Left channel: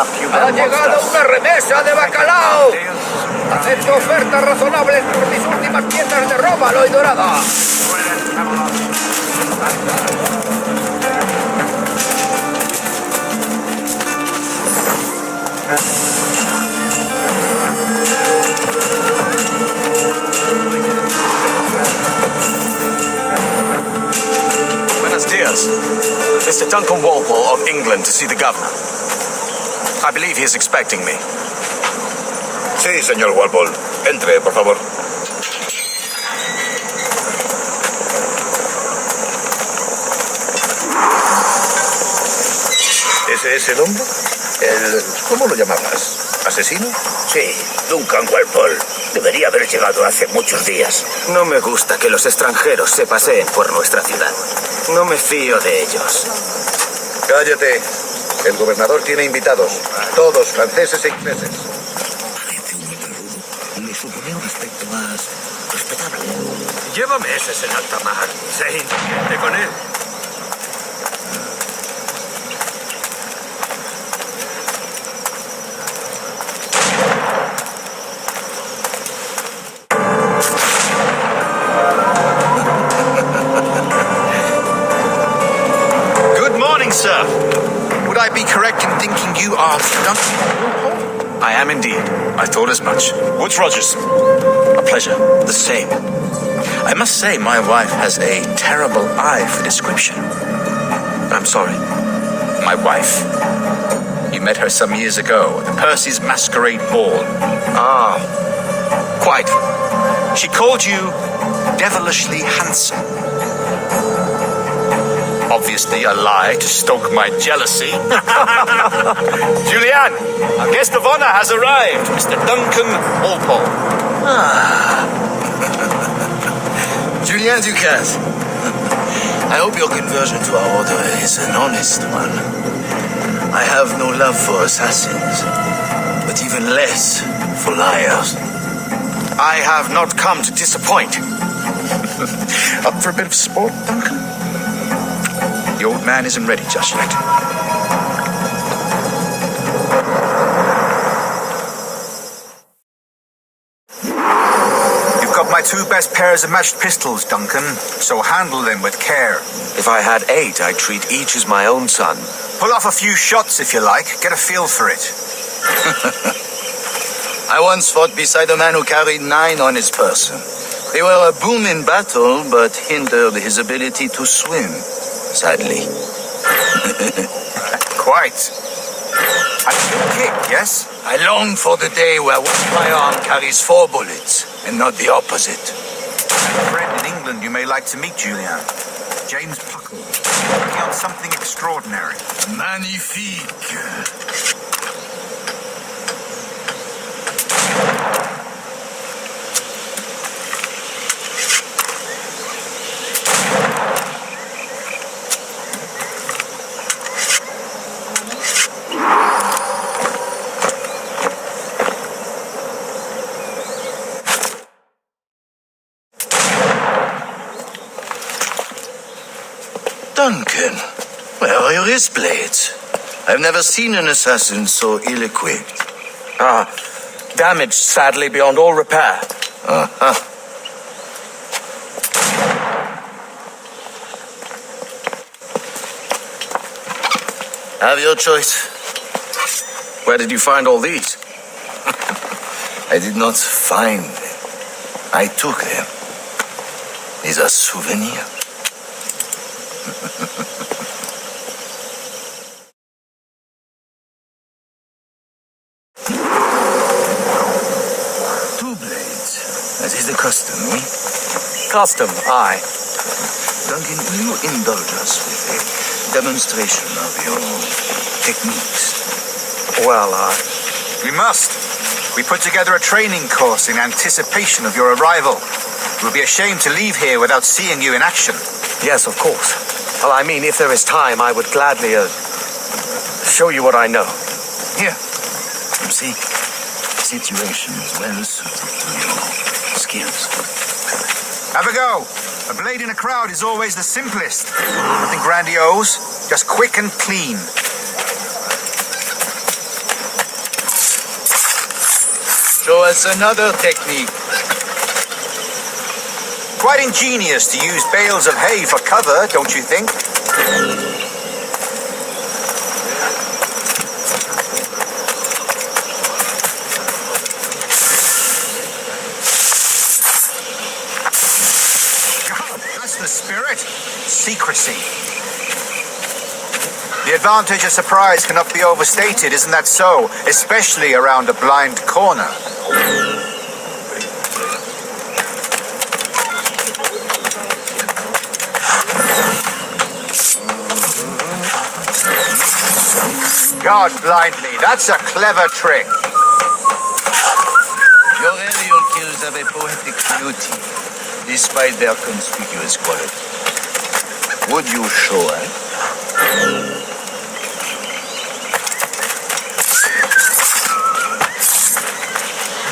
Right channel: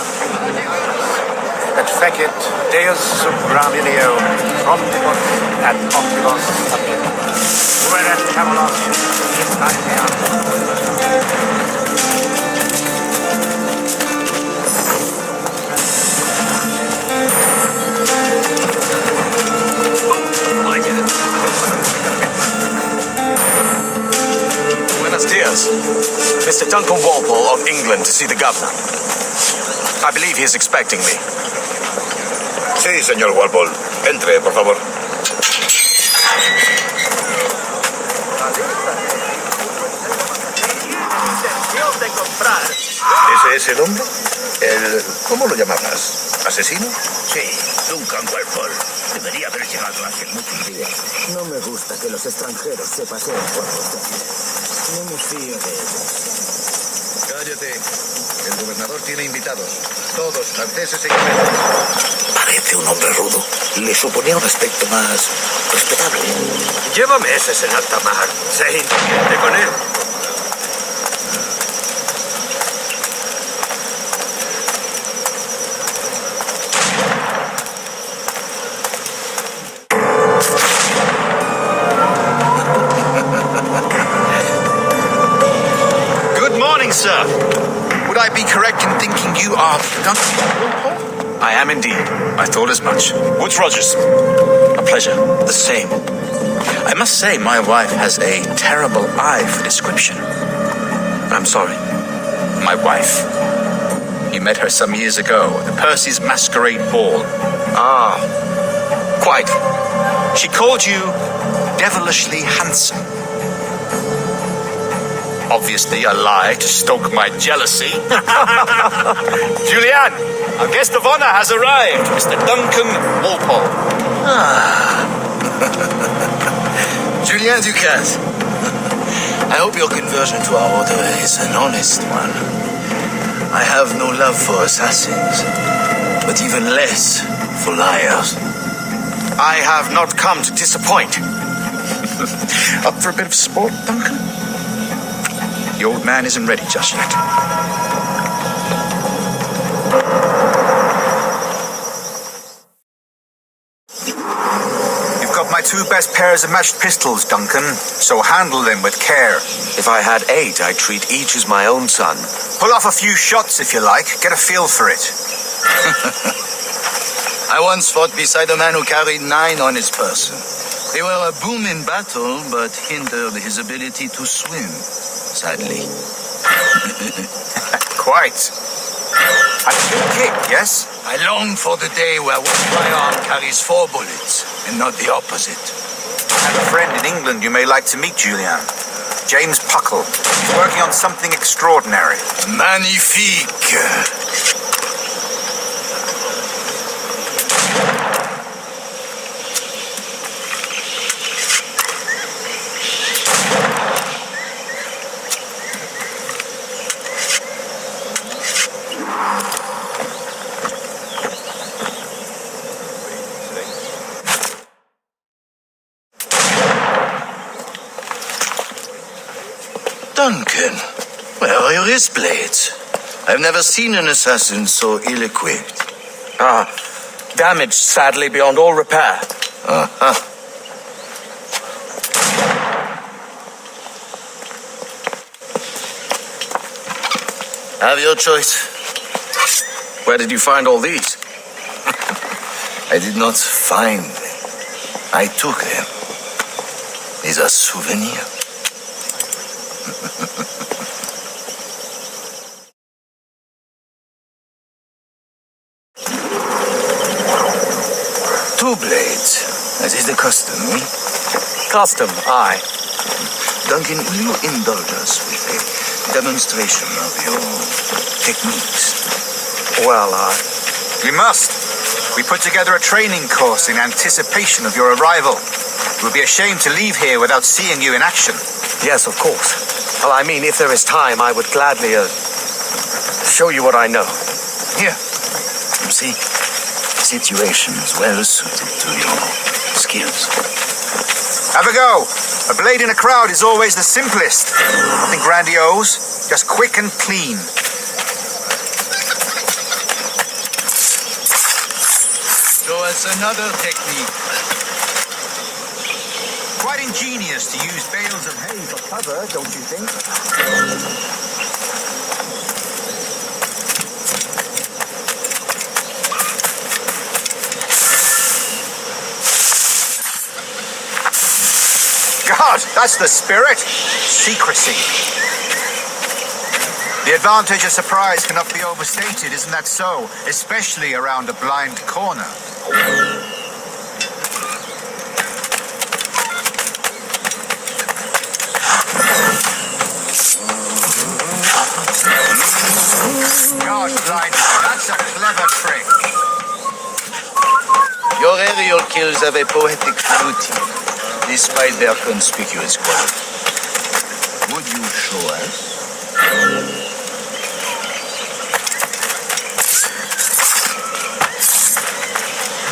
Ha llegado una remesa de bacalao. Deus subravileo. Róbalo y dorada. Buenos dias. Mr. Duncan Walpole of England to see the governor. I believe he is expecting me. Sí, señor Walpole. Entre, por favor. ¿Ese es el hombre? ¿Cómo lo llamabas? ¿Asesino? Sí, Duncan Walpole. Debería haber llegado hace muchos días. No me gusta que los extranjeros se paseen por nuestra ciudad. No me fío de ellos. Cállate. El gobernador tiene invitados. Todos franceses e ingleses. Parece un hombre rudo. Le suponía un aspecto más respetable. Lleva meses en alta mar. Sé inteligente con él. Good morning, sir. Would I be correct in thinking you are Duncan Walpole? I am indeed. I thought as much. Woods Rogers. A pleasure. The same. I must say my wife has a terrible eye for description. I'm sorry. My wife. You met her some years ago at the Percy's Masquerade Ball. Ah, quite. She called you devilishly handsome. Obviously a lie to stoke my jealousy. Julianne, our guest of honor has arrived, Mr. Duncan Walpole. Julien Ducasse. I hope your conversion to our order is an honest one. I have no love for assassins, but even less for liars. I have not come to disappoint. Up for a bit of sport, Duncan? The old man isn't ready just yet. You've got my two best pairs of matched pistols, Duncan, so handle them with care. If I had 8, I'd treat each as my own son. Pull off a few shots if you like. Get a feel for it. I once fought beside a man who carried 9 on his person. They were a boom in battle, but hindered his ability to swim, sadly. Quite. A good kick, yes? I long for the day where one firearm carries 4 bullets, and not the opposite. I have a friend in England you may like to meet, Julian. James Puckle, working on something extraordinary. Magnifique. Duncan, where are your wrist blades? I've never seen an assassin so ill-equipped. Damaged, sadly, beyond all repair. Uh-huh. Have your choice. Where did you find all these? I did not find them. I took them. These are souvenirs. Two blades. That is the custom, eh? Custom, aye. Duncan, will you indulge us with a demonstration of your techniques? Well, We must. We put together a training course in anticipation of your arrival. It would be a shame to leave here without seeing you in action. yes, of course. Well, I mean, if there is time, I would gladly, show you what I know. Here. You see, the situation is well suited to your skills. Have a go. A blade in a crowd is always the simplest. Nothing grandiose, just quick and clean. us another technique. Quite ingenious to use bales of hay for cover, don't you think? God, that's the spirit. Secrecy. The advantage of surprise cannot be overstated, isn't that so? Especially around a blind corner. God blind me, that's a clever trick. Your aerial kills have a poetic beauty, despite their conspicuous quality. Would you show us?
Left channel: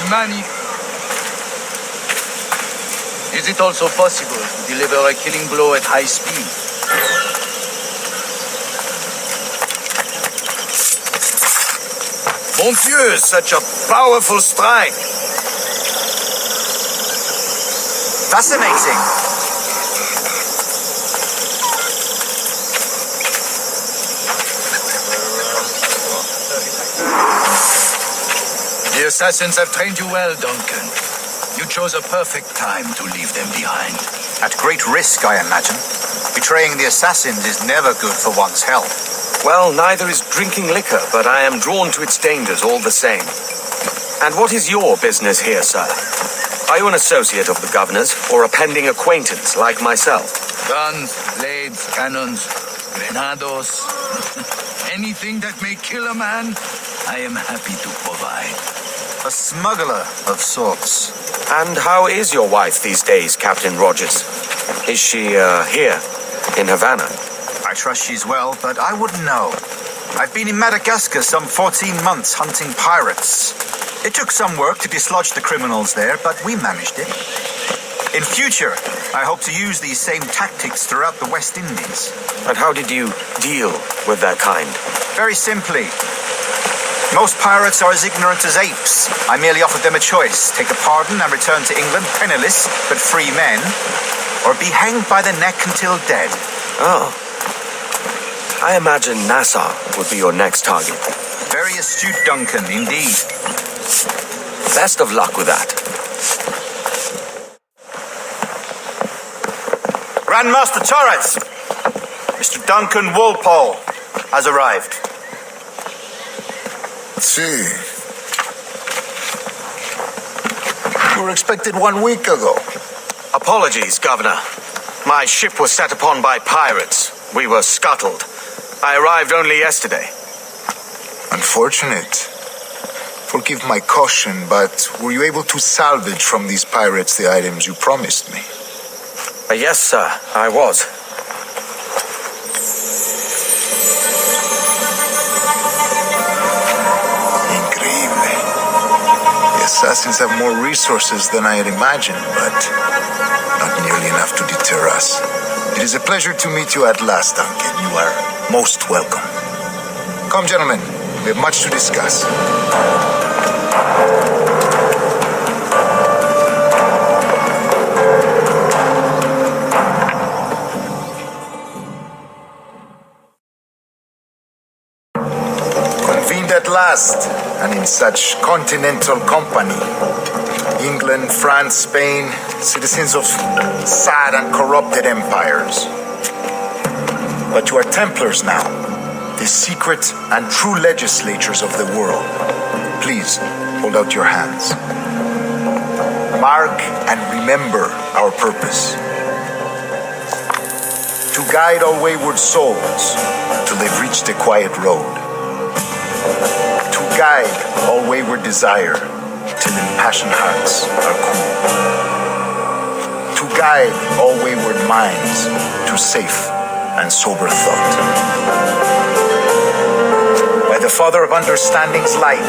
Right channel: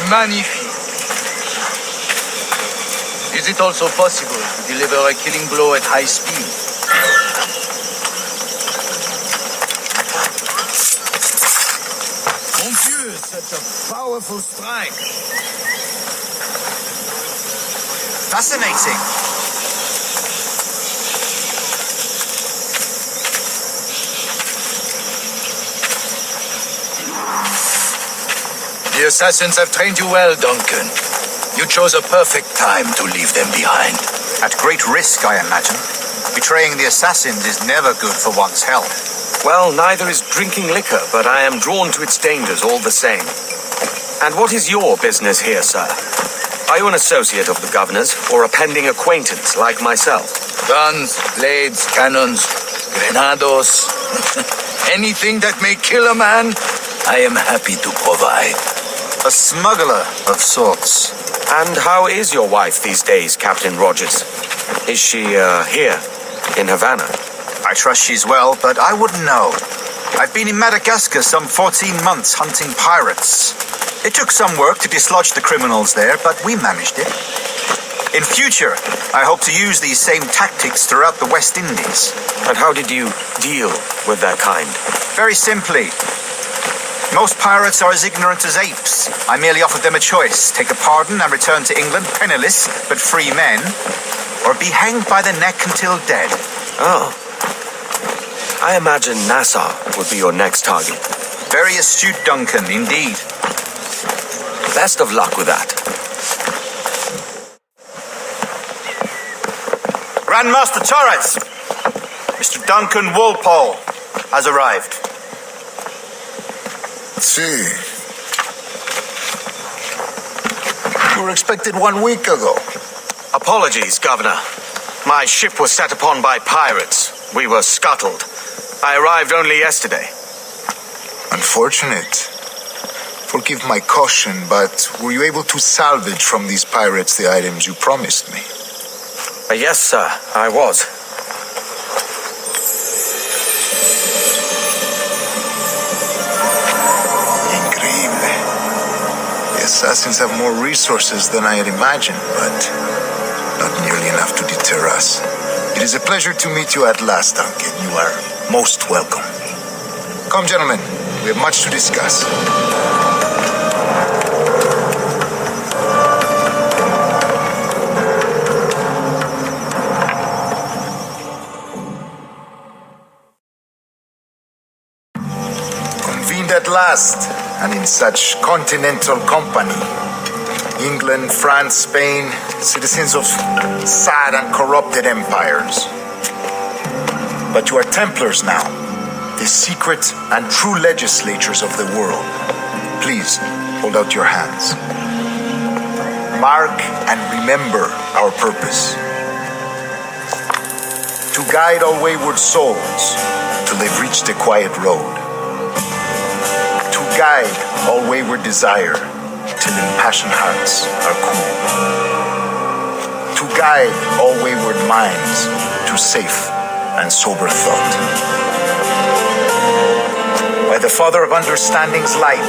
Magnifique. Is it also possible to deliver a killing blow at high speed? Mon Dieu, such a powerful strike. Fascinating. The assassins have trained you well, Duncan. You chose a perfect time to leave them behind. At great risk, I imagine. Betraying the assassins is never good for one's health. Well, neither is drinking liquor, but I am drawn to its dangers all the same. And what is your business here, sir? Are you an associate of the governor's, or a pending acquaintance like myself? Guns, blades, cannons, grenados. Anything that may kill a man, I am happy to provide. A smuggler of sorts. And how is your wife these days, Captain Rogers? Is she, here, in Havana? I trust she's well, but I wouldn't know. I've been in Madagascar some 14 months hunting pirates. It took some work to dislodge the criminals there, but we managed it. In future, I hope to use these same tactics throughout the West Indies. And how did you deal with their kind? Very simply. Most pirates are as ignorant as apes. I merely offered them a choice: take a pardon and return to England penniless but free men, or be hanged by the neck until dead. Oh. I imagine Nassau would be your next target. Very astute, Duncan, indeed. Best of luck with that. Grandmaster Torres! Mr. Duncan Walpole has arrived. See. You were expected 1 week ago. Apologies, Governor. My ship was set upon by pirates. We were scuttled. I arrived only yesterday. Unfortunate. Forgive my caution, but were you able to salvage from these pirates the items you promised me? Yes, sir, I was. Increíble. The assassins have more resources than I had imagined, but not nearly enough to deter us. It is a pleasure to meet you at last, Duncan. You are most welcome. Come, gentlemen. We have much to discuss. Convened at last, and in such continental company. England, France, Spain, citizens of sad and corrupted empires. But you are Templars now, the secret and true legislators of the world. Please, hold out your hands. Mark and remember our purpose. To guide all wayward souls till they've reached a quiet road. To guide all wayward desire till impassioned hearts are cool. To guide all wayward minds to safe and sober thought. By the Father of Understanding's light,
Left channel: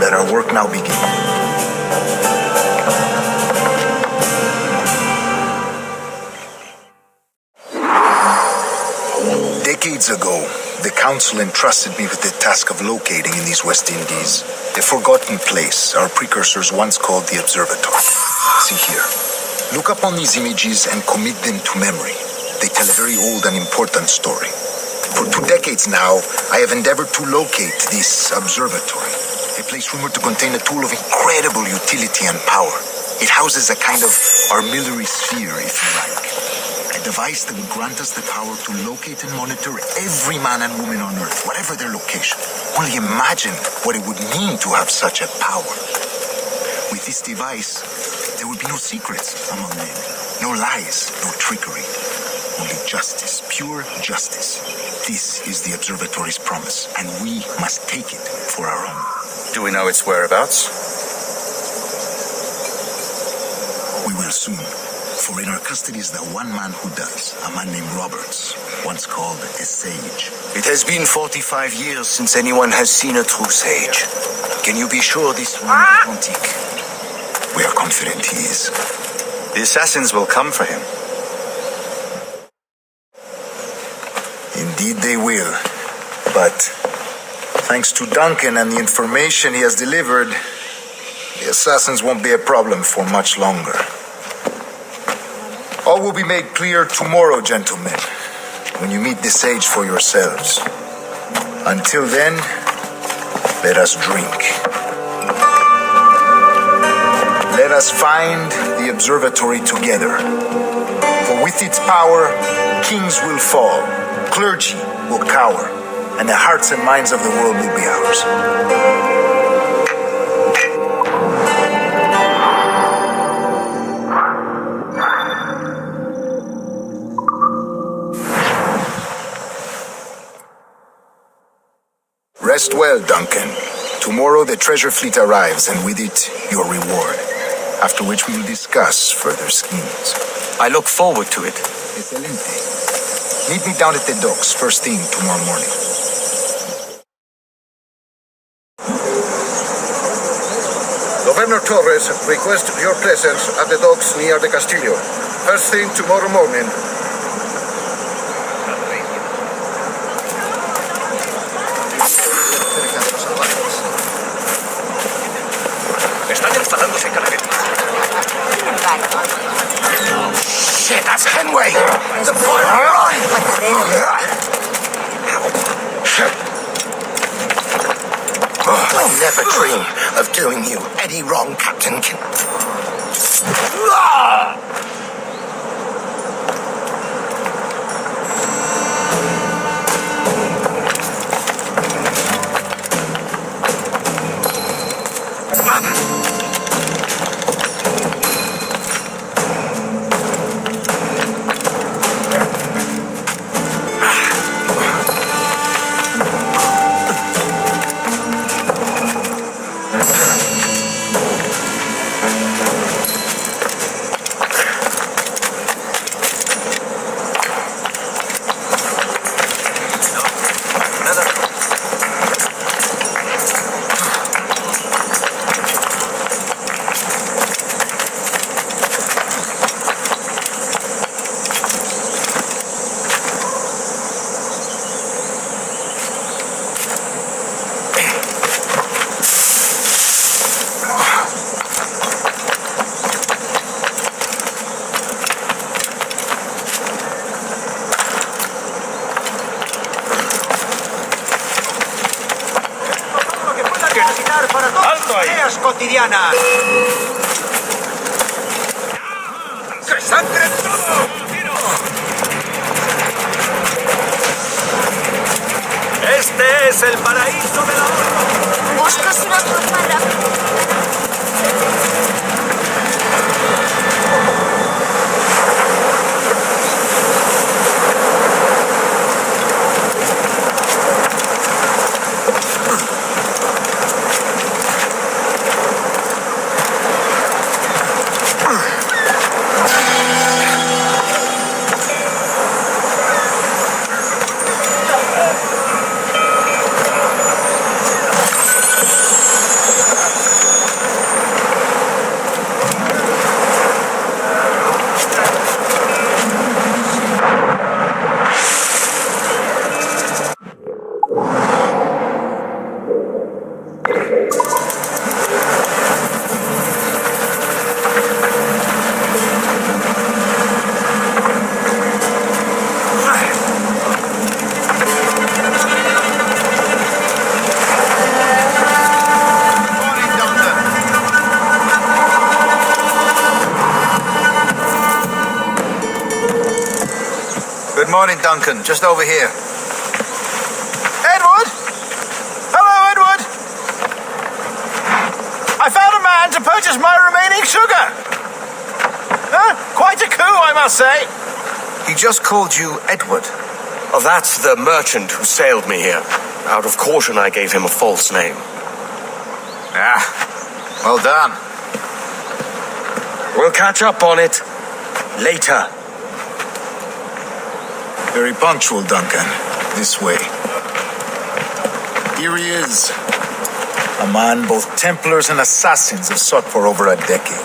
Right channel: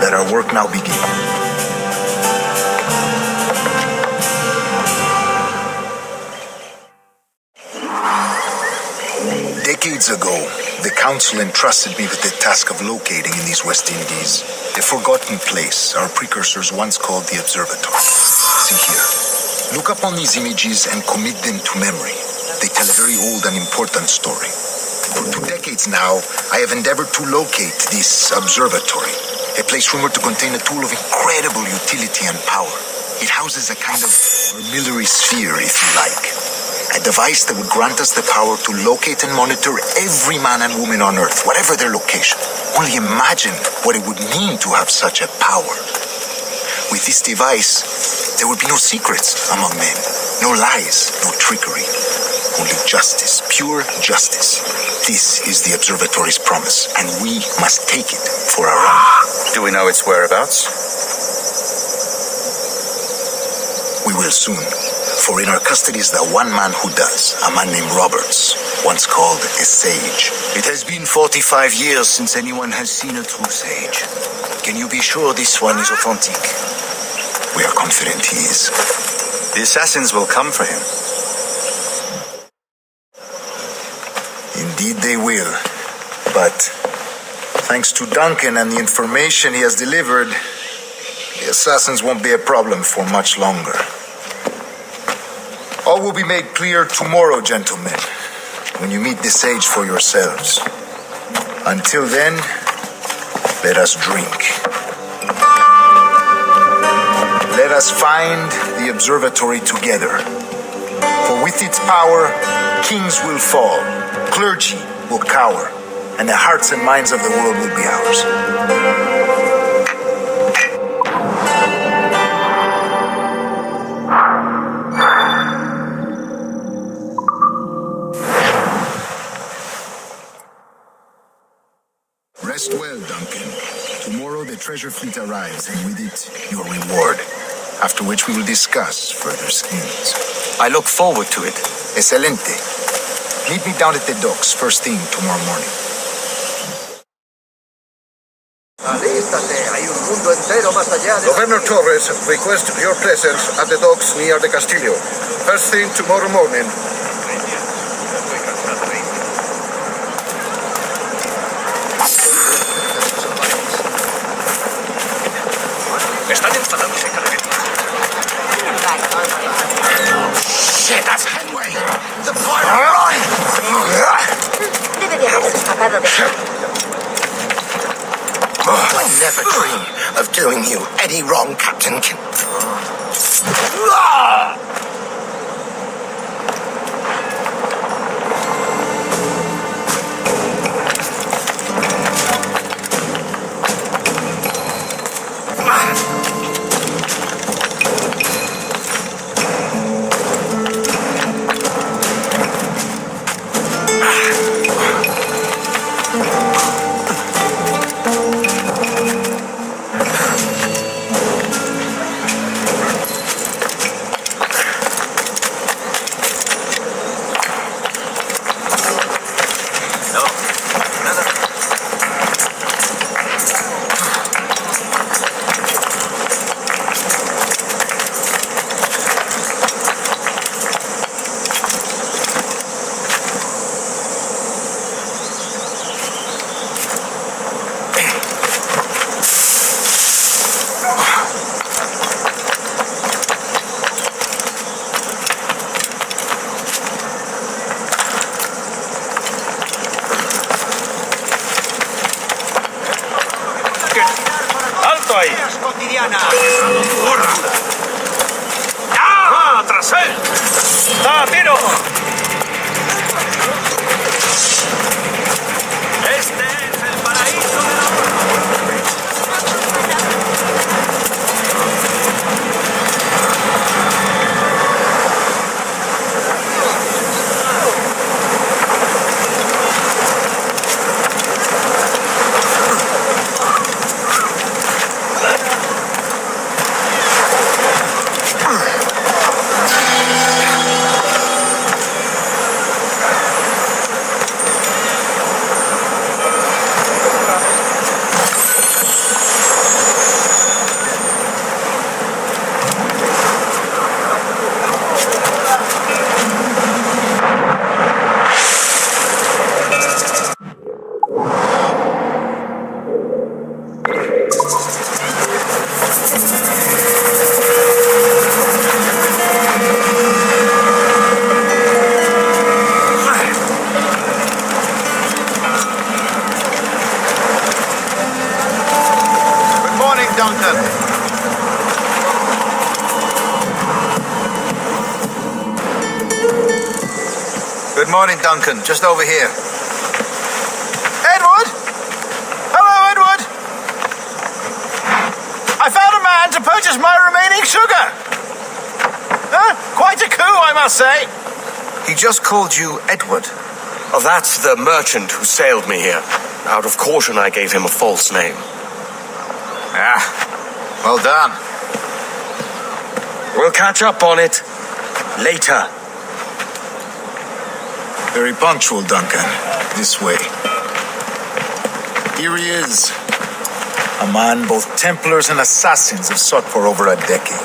let our work now begin. Decades ago, The Council entrusted me with the task of locating in these West Indies a forgotten place our precursors once called the Observatory. See here. Look up on these images and commit them to memory. They tell a very old and important story. For 2 decades now, I have endeavored to locate this observatory, a place rumored to contain a tool of incredible utility and power. It houses a kind of armillary sphere, if you like. A device that would grant us the power to locate and monitor every man and woman on Earth, whatever their location. Only imagine what it would mean to have such a power. With this device, there would be no secrets among men, no lies, no trickery. Only justice, pure justice. This is the observatory's promise, and we must take it for our own. Do we know its whereabouts? We will soon. For in our custody is the one man who does, a man named Roberts, once called a sage. It has been 45 years since anyone has seen a true sage. Can you be sure this one is authentic? We are confident he is. The assassins will come for him. Indeed they will. But thanks to Duncan and the information he has delivered, the assassins won't be a problem for much longer. All will be made clear tomorrow, gentlemen, when you meet the sage for yourselves. Until then, let us drink. Let us find the observatory together. For with its power, kings will fall, clergy will cower, and the hearts and minds of the world will be ours. Rest well, Duncan. Tomorrow the treasure fleet arrives, and with it, your reward. After which we will discuss further schemes. I look forward to it. Excelente. Meet me down at the docks first thing tomorrow morning. Governor Torres requests your presence at the docks near the Castillo. First thing tomorrow morning. Están instalándose cada vez más. Shit, that's Henway! The I never dream of doing you any wrong, Captain ¡Alto ahí! Cotidiana. ¡Ah! ¡Tras él! ¡Ah, tiro! Este es el paraíso del ahorro. ¿Buscas una forma rápida? Good morning, Duncan. Good morning, Duncan. Just over here. Edward! Hello, Edward! I found a man to purchase my remaining sugar! Huh? Quite a coup, I must say. He just called you Edward. Oh, that's the merchant who sailed me here. Out of caution, I gave him a false name. Ah, well done. We'll catch up on it later. Very punctual, Duncan. This way. Here he is. A man both Templars and Assassins have sought for over a decade.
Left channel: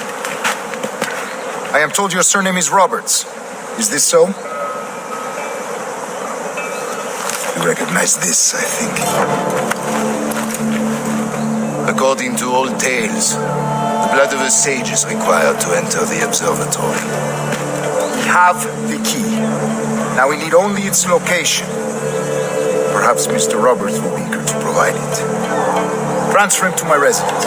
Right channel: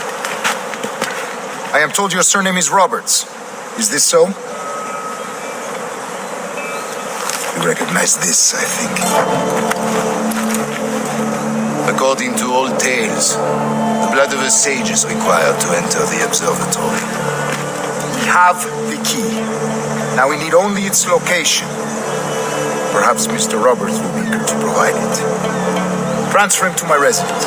I am told your surname is Roberts. Is this so? You recognize this, I think. According to old tales, the blood of a sage is required to enter the observatory. We have the key. Now we need only its location. Perhaps Mr. Roberts will be eager to provide it. Transfer him to my residence.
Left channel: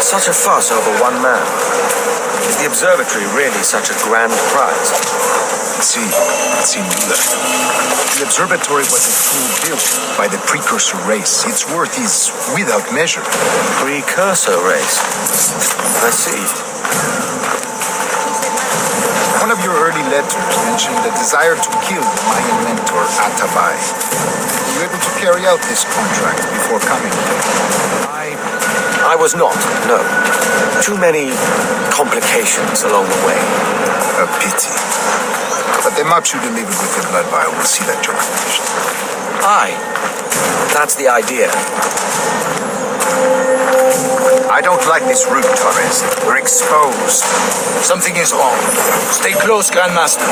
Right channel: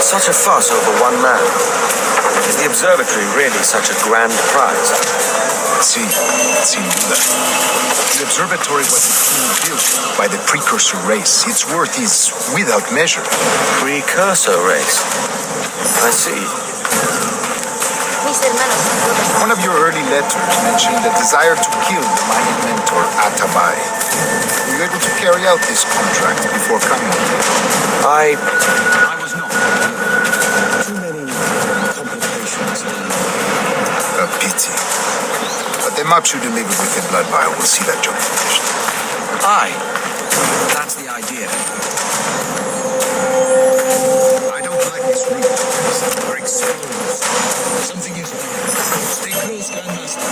Such a fuss over one man. Is the observatory really such a grand prize? Sin duda. The observatory was a tool built by the precursor race. Its worth is without measure. Precursor race. I see. Mis hermanos son todos. One of your early letters mentioned a desire to kill the Mayan mentor, Atabay. Were you able to carry out this contract before coming here? I was not, no. Too many complications along the way. A pity. But the maps you delivered with the blood vial will see that job finished. Aye. That's the idea. I don't like this route, Torres. We're exposed. Something is wrong. Stay close, Grandmaster.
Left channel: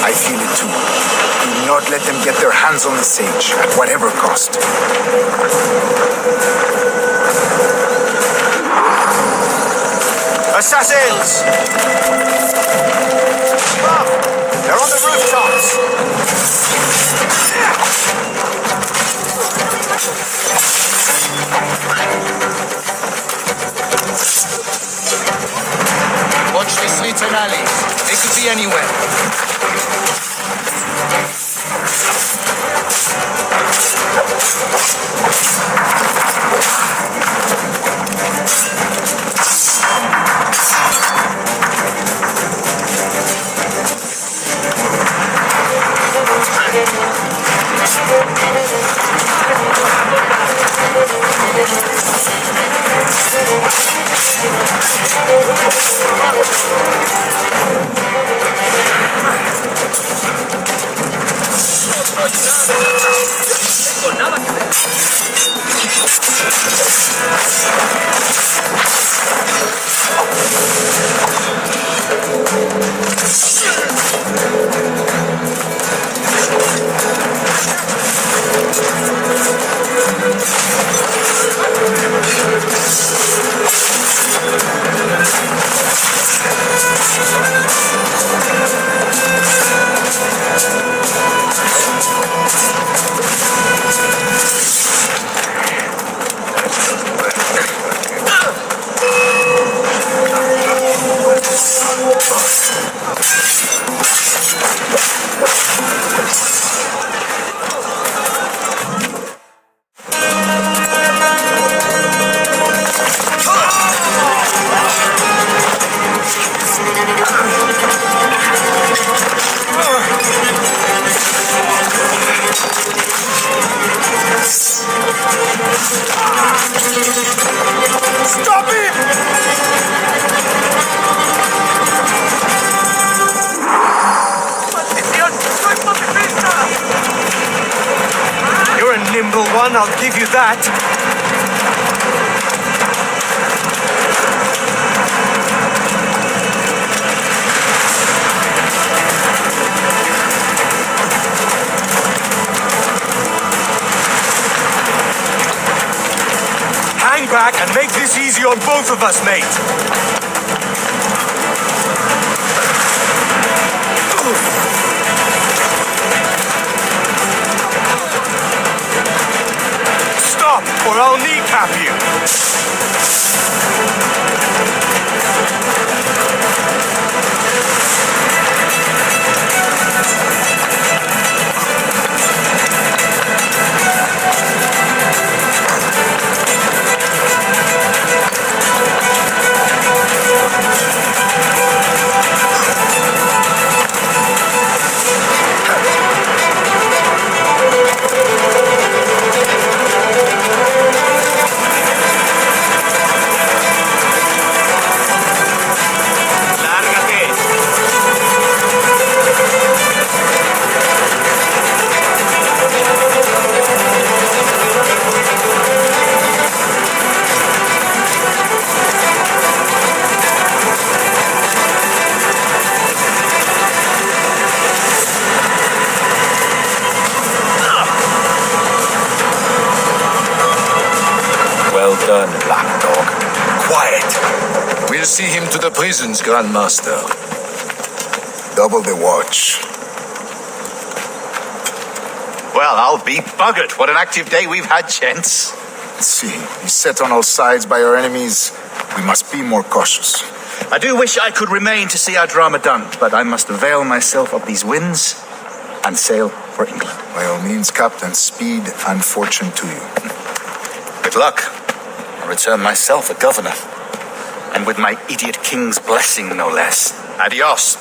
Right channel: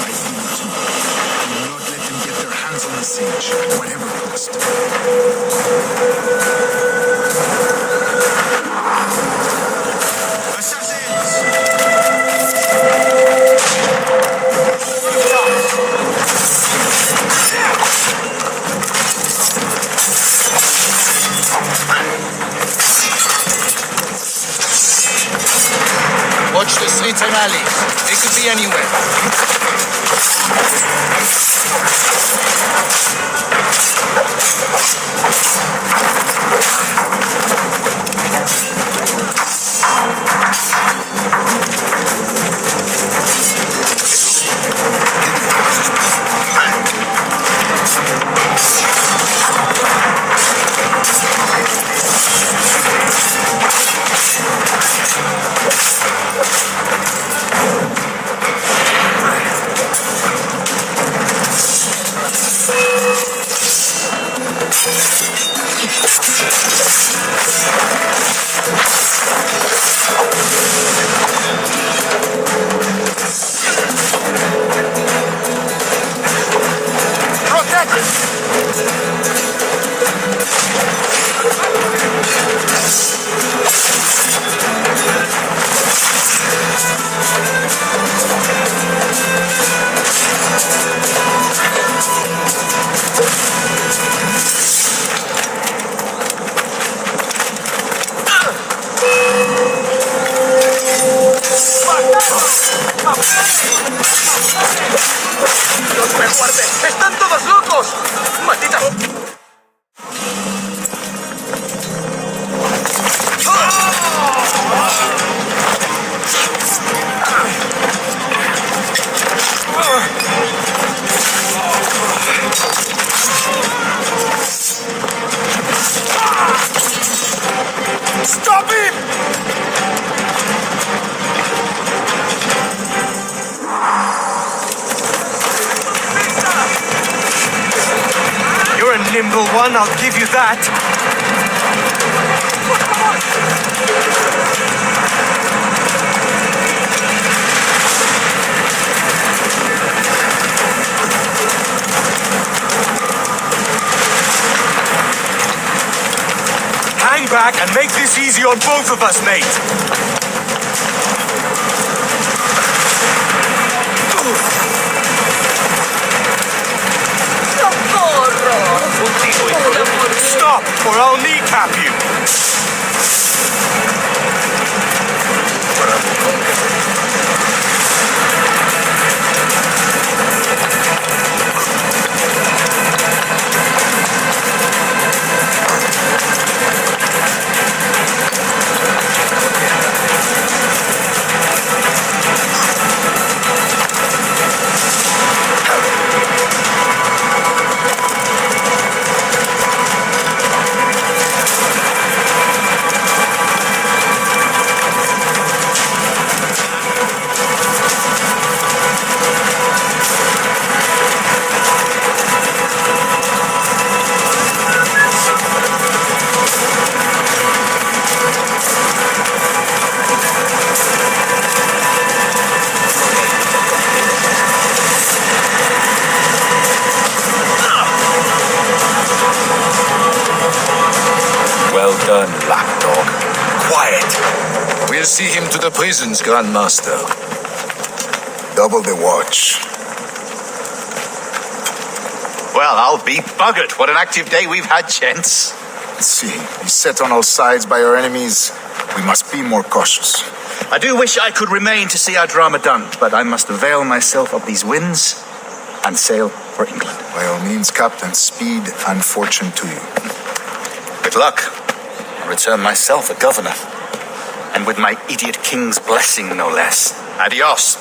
I feel it too. Do not let them get their hands on the sage, at whatever cost. Assassins! They're on the rooftops! Watch the streets and alleys. They could be anywhere. You're a nimble one, I'll give you that. back and make this easy on both of us, mate. Stop, or I'll kneecap you. Well done, lapdog. Quiet. We'll see him to the prisons, Grandmaster. Double the watch. Well, I'll be buggered. What an active day we've had, gents. Let's see. Beset on all sides by our enemies, we must be more cautious. I do wish I could remain to see our drama done, but I must avail myself of these winds and sail for England. By all means, Captain, speed and fortune to you. Good luck. I'll return myself a governor. And with my idiot king's blessing, no less. Adios.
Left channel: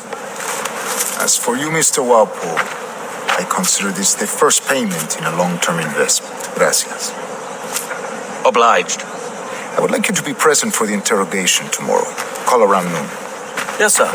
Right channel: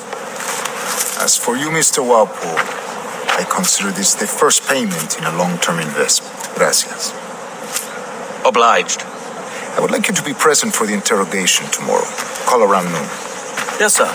As for you, Mr. Walpole, I consider this the first payment in a long-term investment. Gracias. Obliged. I would like you to be present for the interrogation tomorrow. Call around noon. Yes, sir.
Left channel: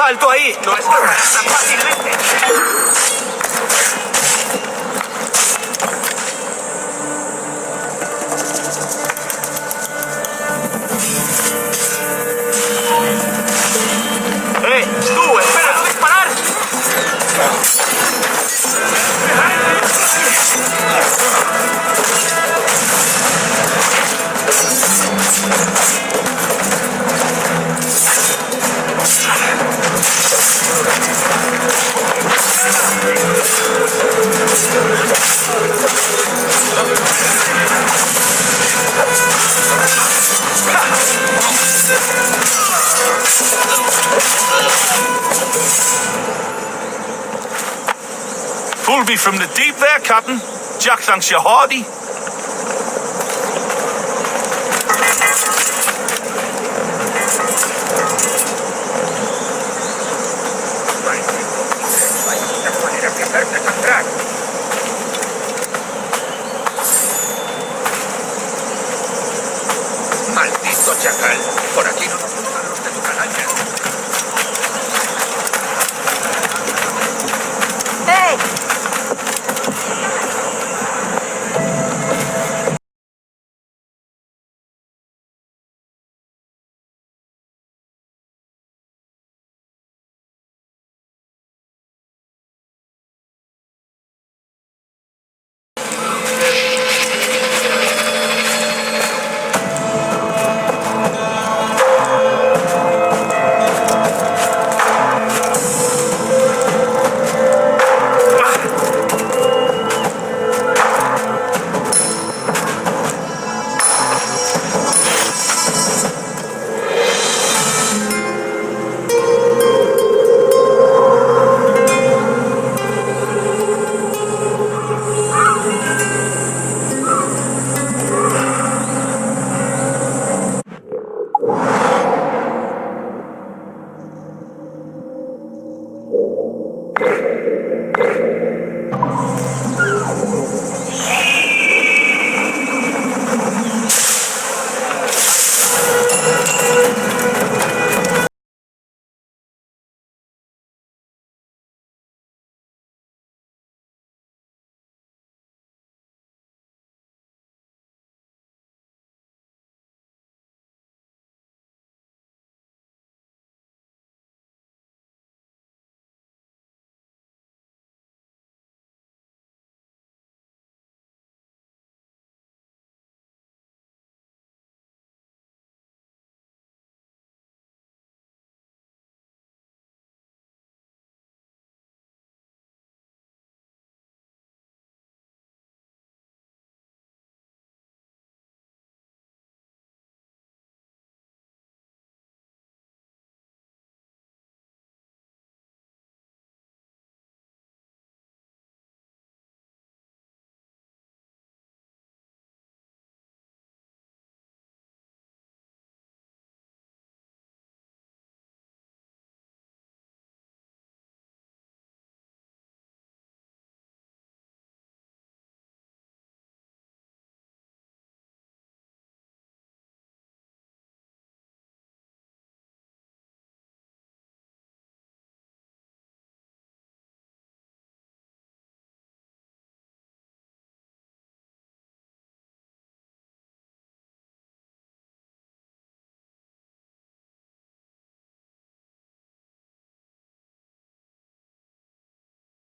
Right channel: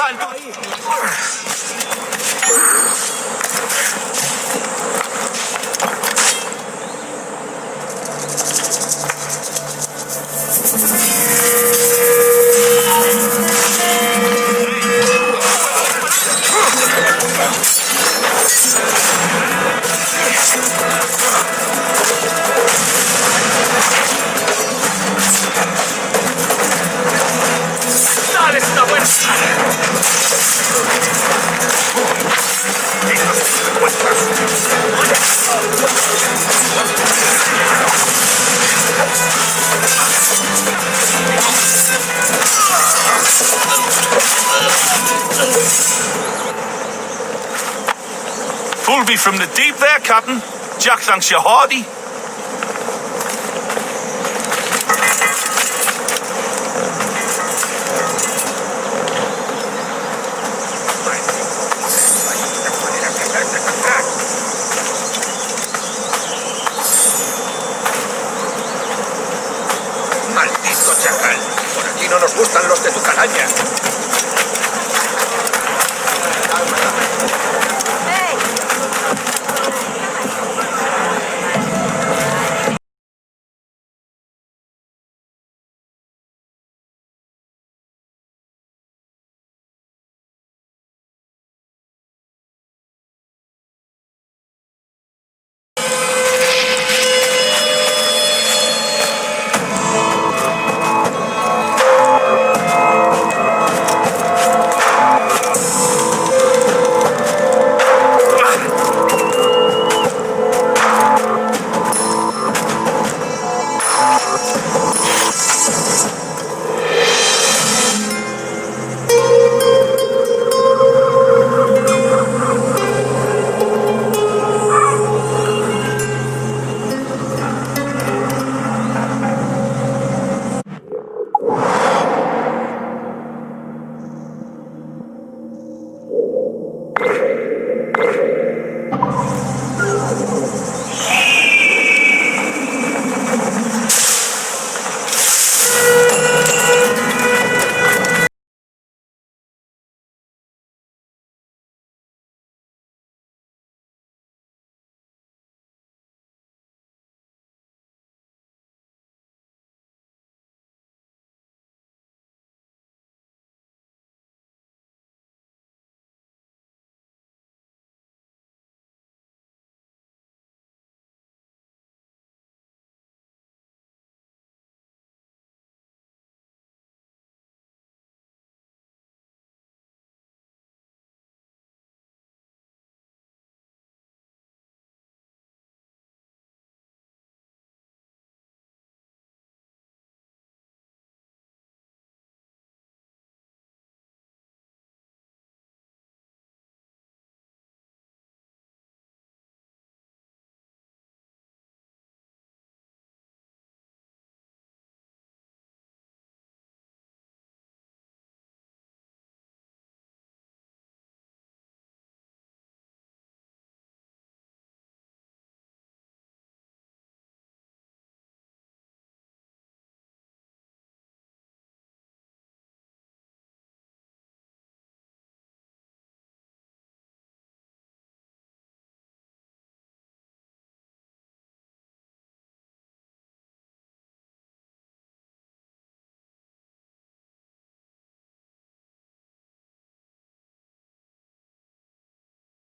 ¡Alto ahí! ¡No es tan fácilmente! Pulled me from the deep there, Captain. Jack thanks you hearty. Maldito chacal. Por aquí no nos gustan los de tu calaña.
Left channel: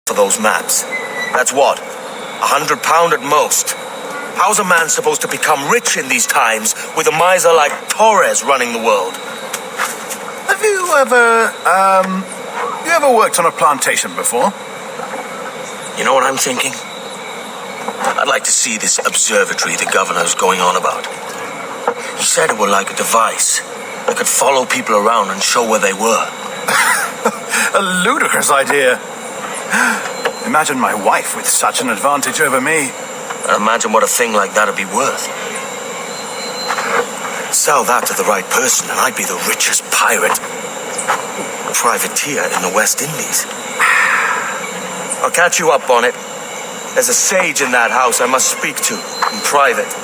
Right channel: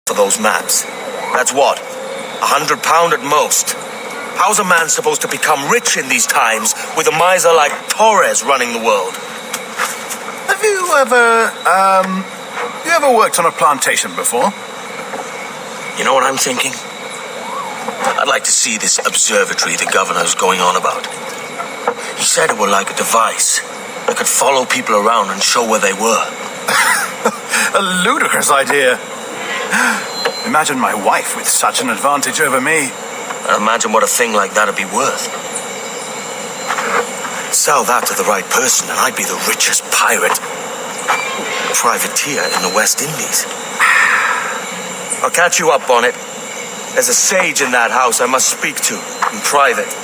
For those maps. That's what? £100 at most. How's a man supposed to become rich in these times with a miser like Torres running the world? Have you ever worked on a plantation before? You know what I'm thinking? I'd like to see this observatory the governor's going on about. He said it were like a device that could follow people around and show where they were. A ludicrous idea. Imagine my wife with such an advantage over me. And imagine what a thing like that'd be worth. Sell that to the right person and I'd be the richest pirate. Privateer in the West Indies. I'll catch you up on it. There's a sage in that house I must speak to in private.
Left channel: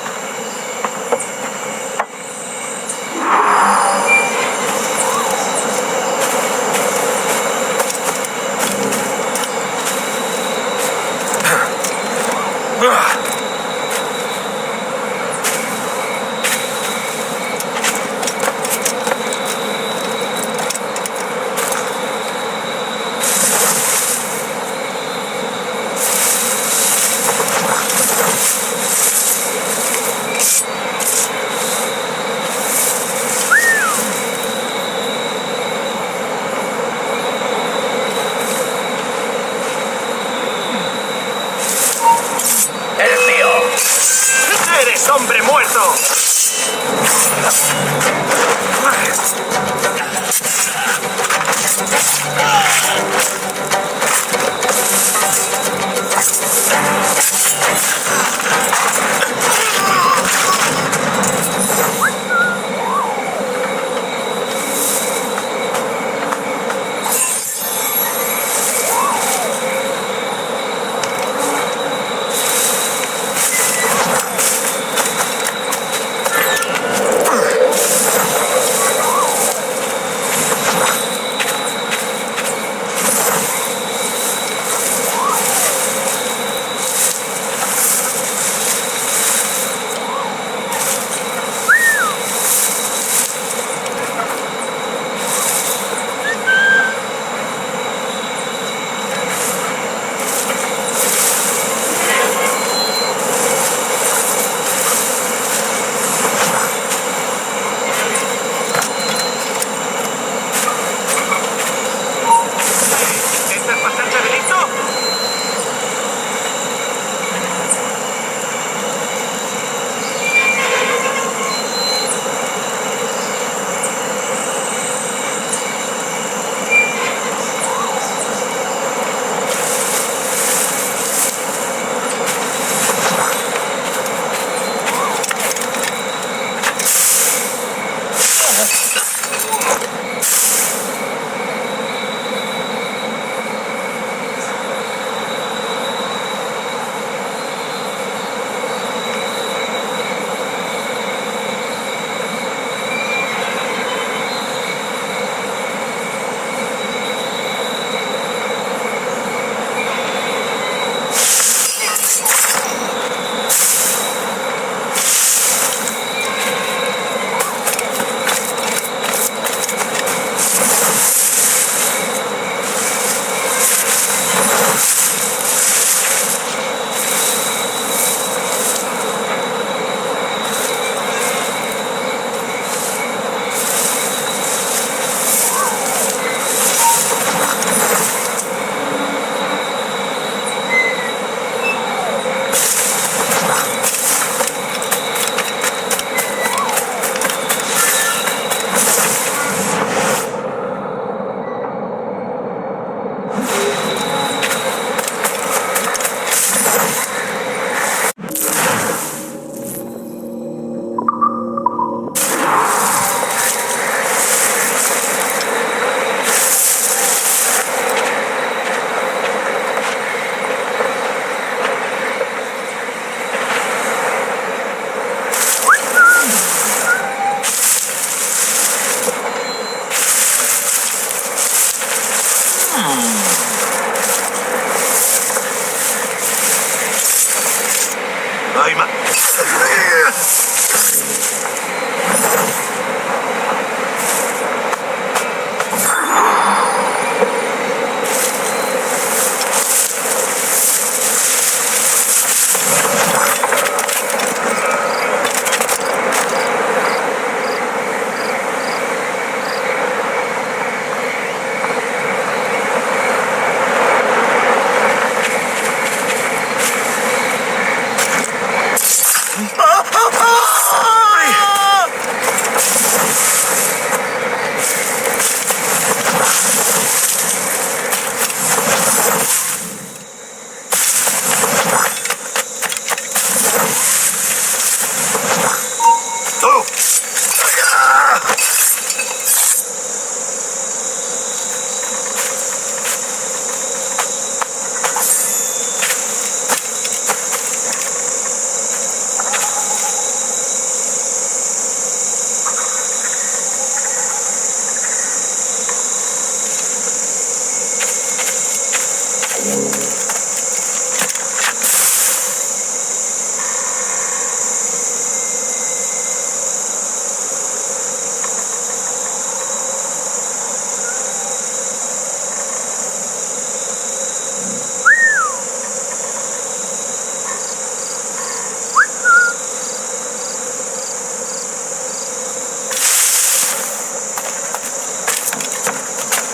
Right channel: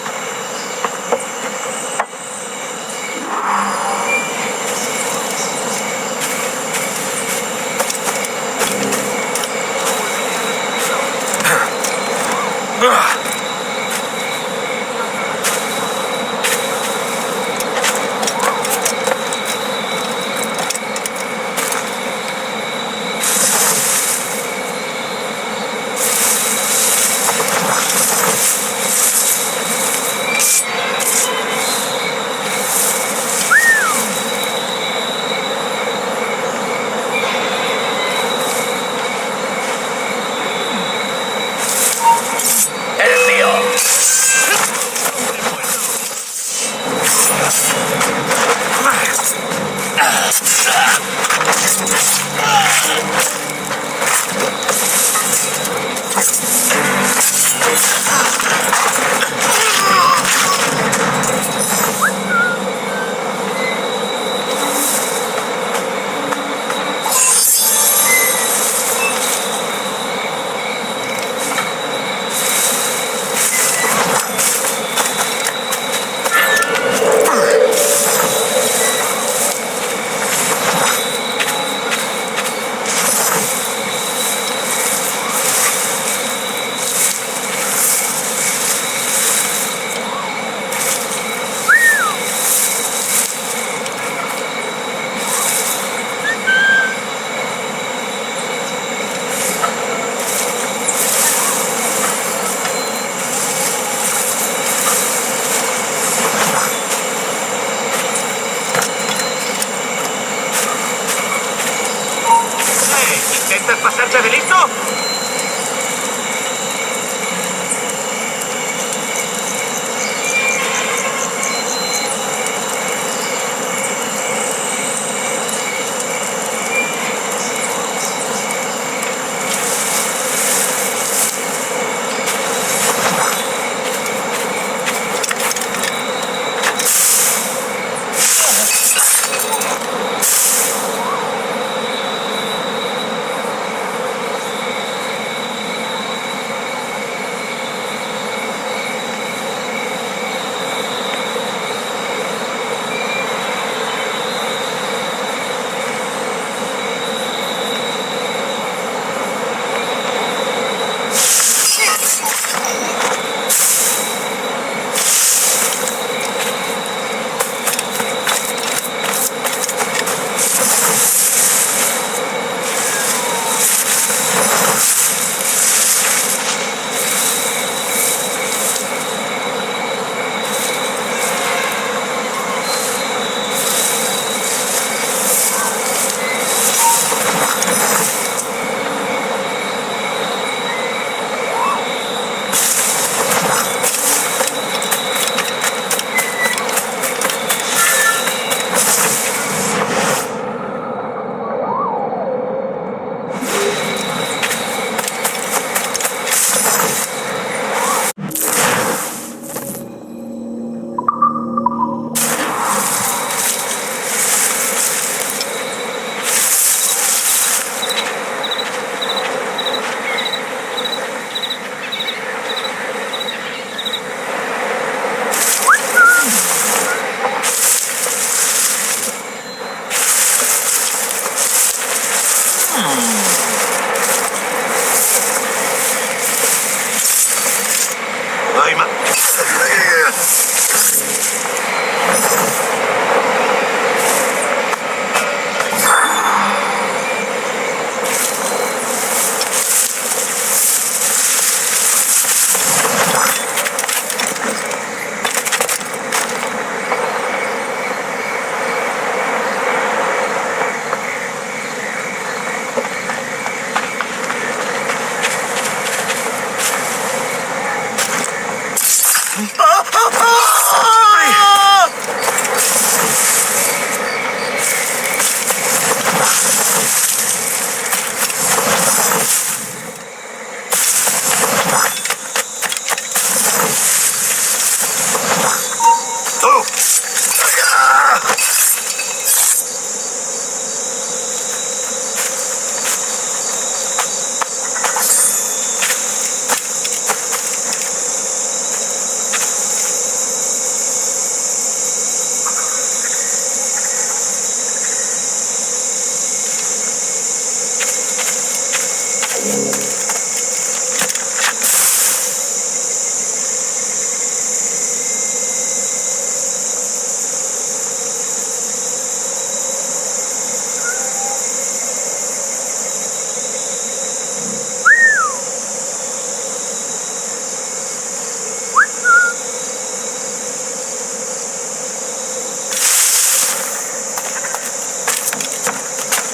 Ay, ma...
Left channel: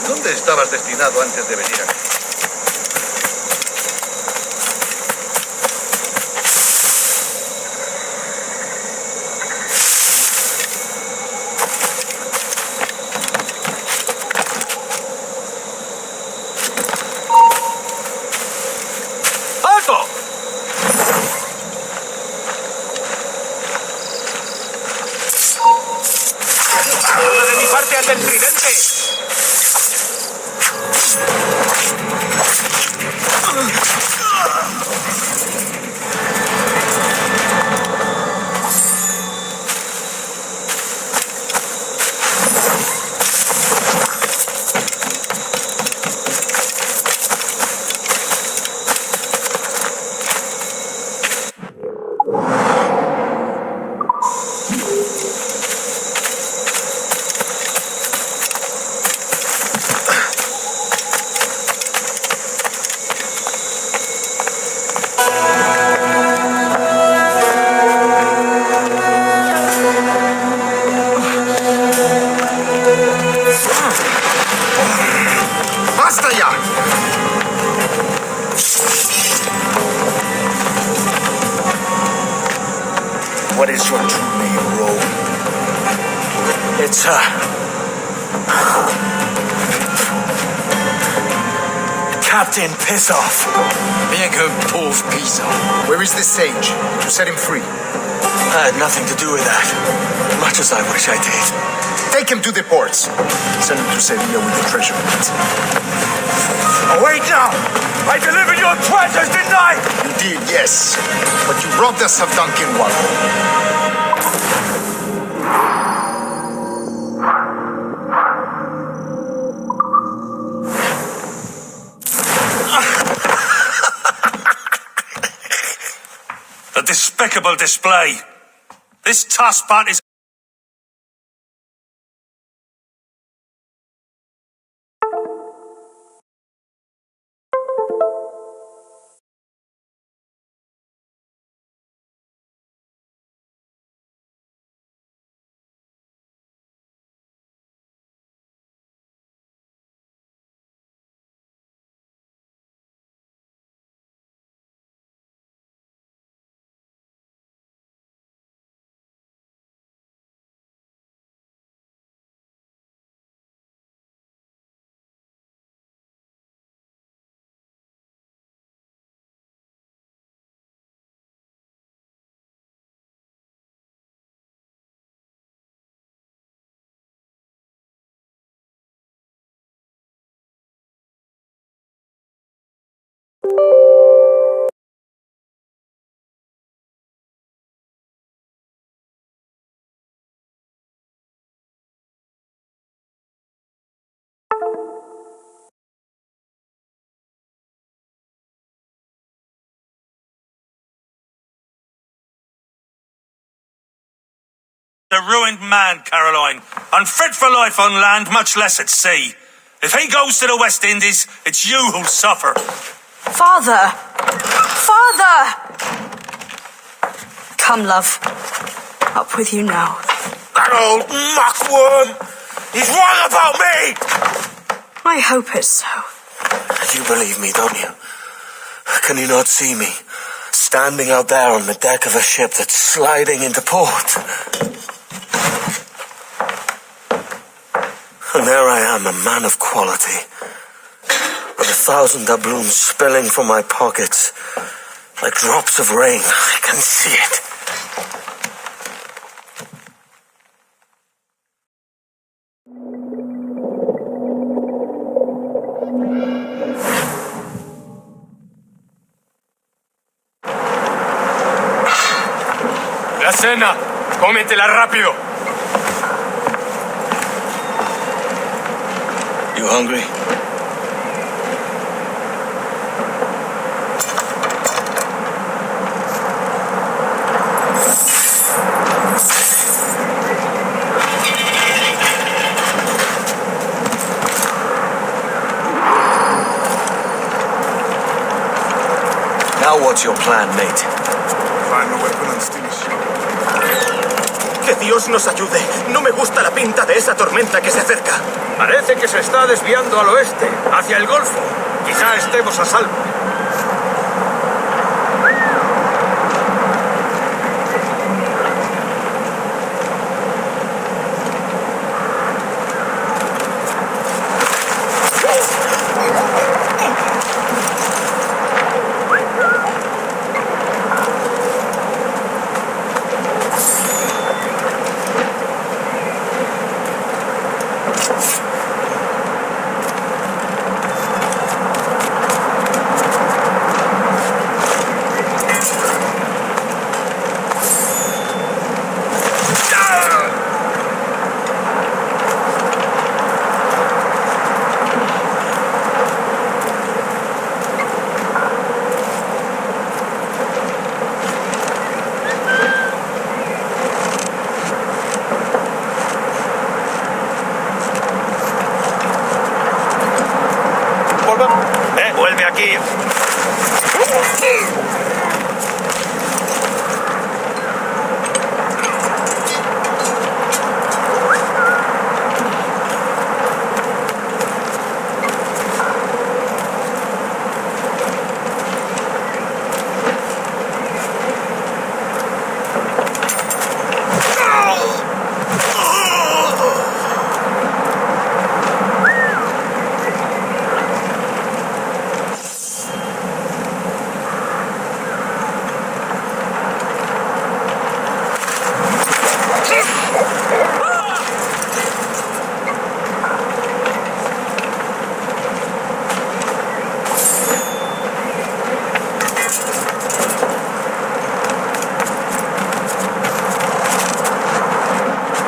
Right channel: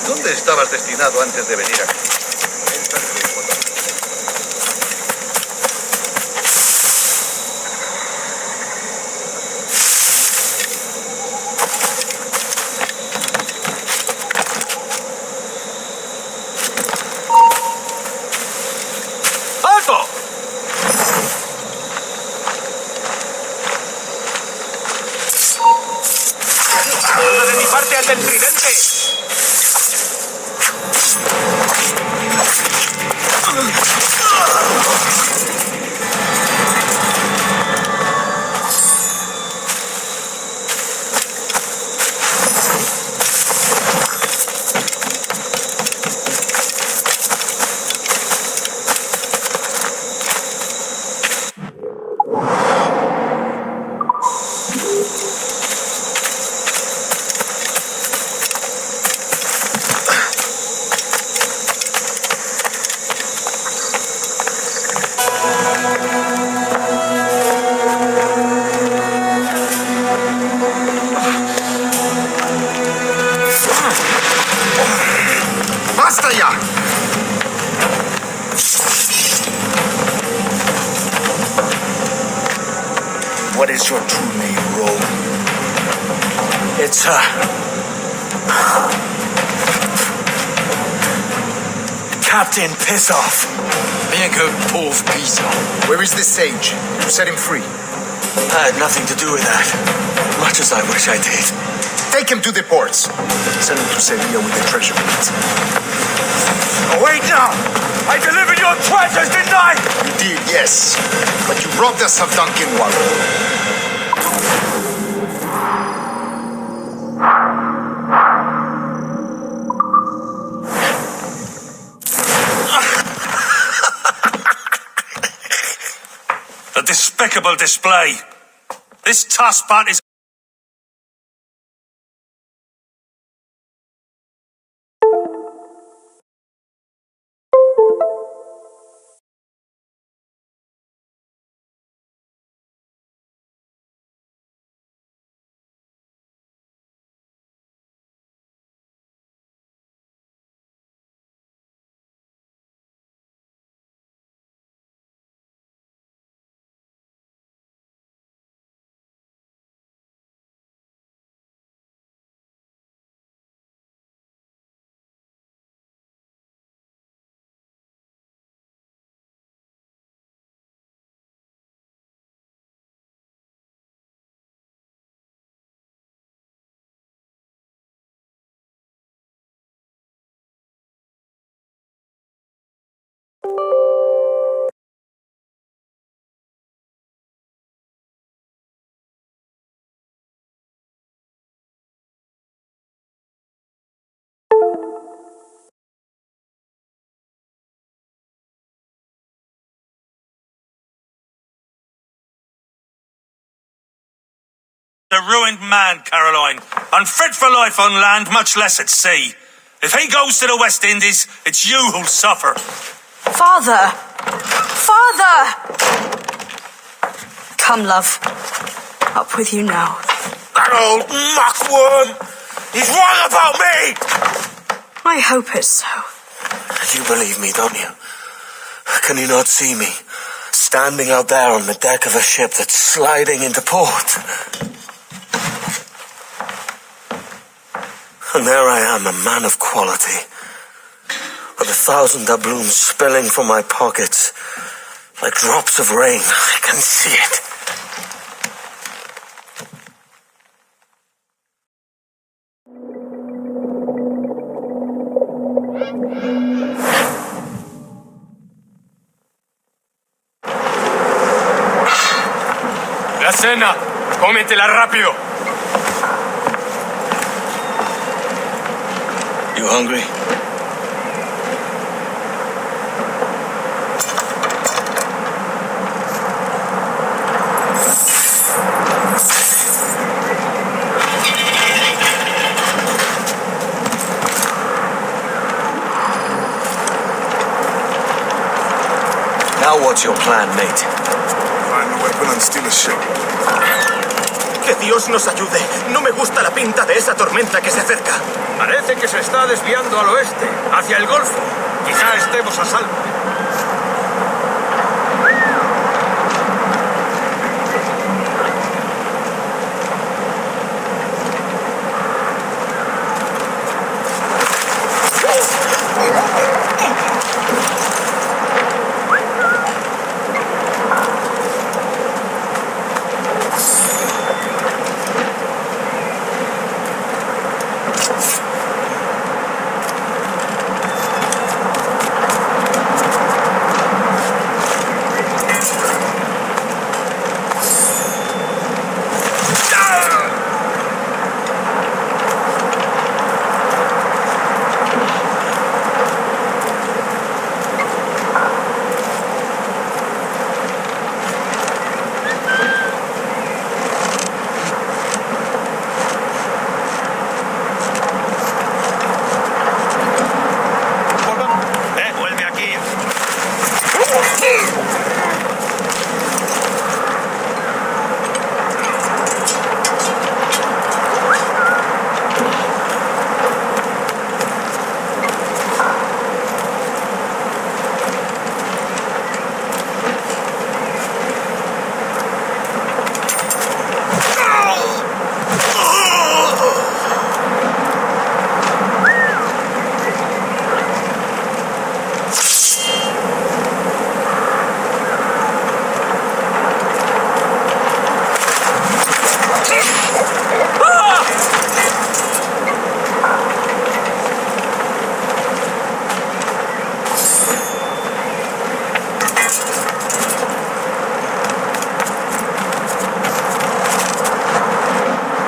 ¿Dónde estabas destinado antes de venir aquí? ¡Alto! ¡Saluda de mi parte al del tridente! ¡Basta ya! What is your true name, Rogue? It's, Captain Pissoff. Bien que pauvre paysan. Where is the sage? Did you set him free? I had nothing to do with that. Much as I wish I did. Take him to the ports. Send him to Sevilla with the treasure plate. Oh, wait now! I delivered your treasures, didn't I? You did, yes. But you robbed us of Duncan Walpole. A despicable display. This tosspot is a ruined man, Caroline. Unfit for life on land, much less at sea. If he goes to the West Indies, it's you who'll suffer. Father! Father! Come, love. Up with you now. That old muckworm! He's wrong about me! I hope it's so. You believe me, don't you? Can you not see me? Standing out there on the deck of a ship that's sliding into port. And there I am, a man of quality. With 1,000 doubloons spilling from my pockets. Like drops of rain. I can see it. La cena, cómetela rápido. You hungry? Now what's your plan, mate? Find a weapon and steal a ship. Que Dios nos ayude. No me gusta la pinta de esa tormenta que se acerca. Parece que se está desviando al oeste, hacia el Golfo. Quizá estemos a salvo. Vuelve aquí.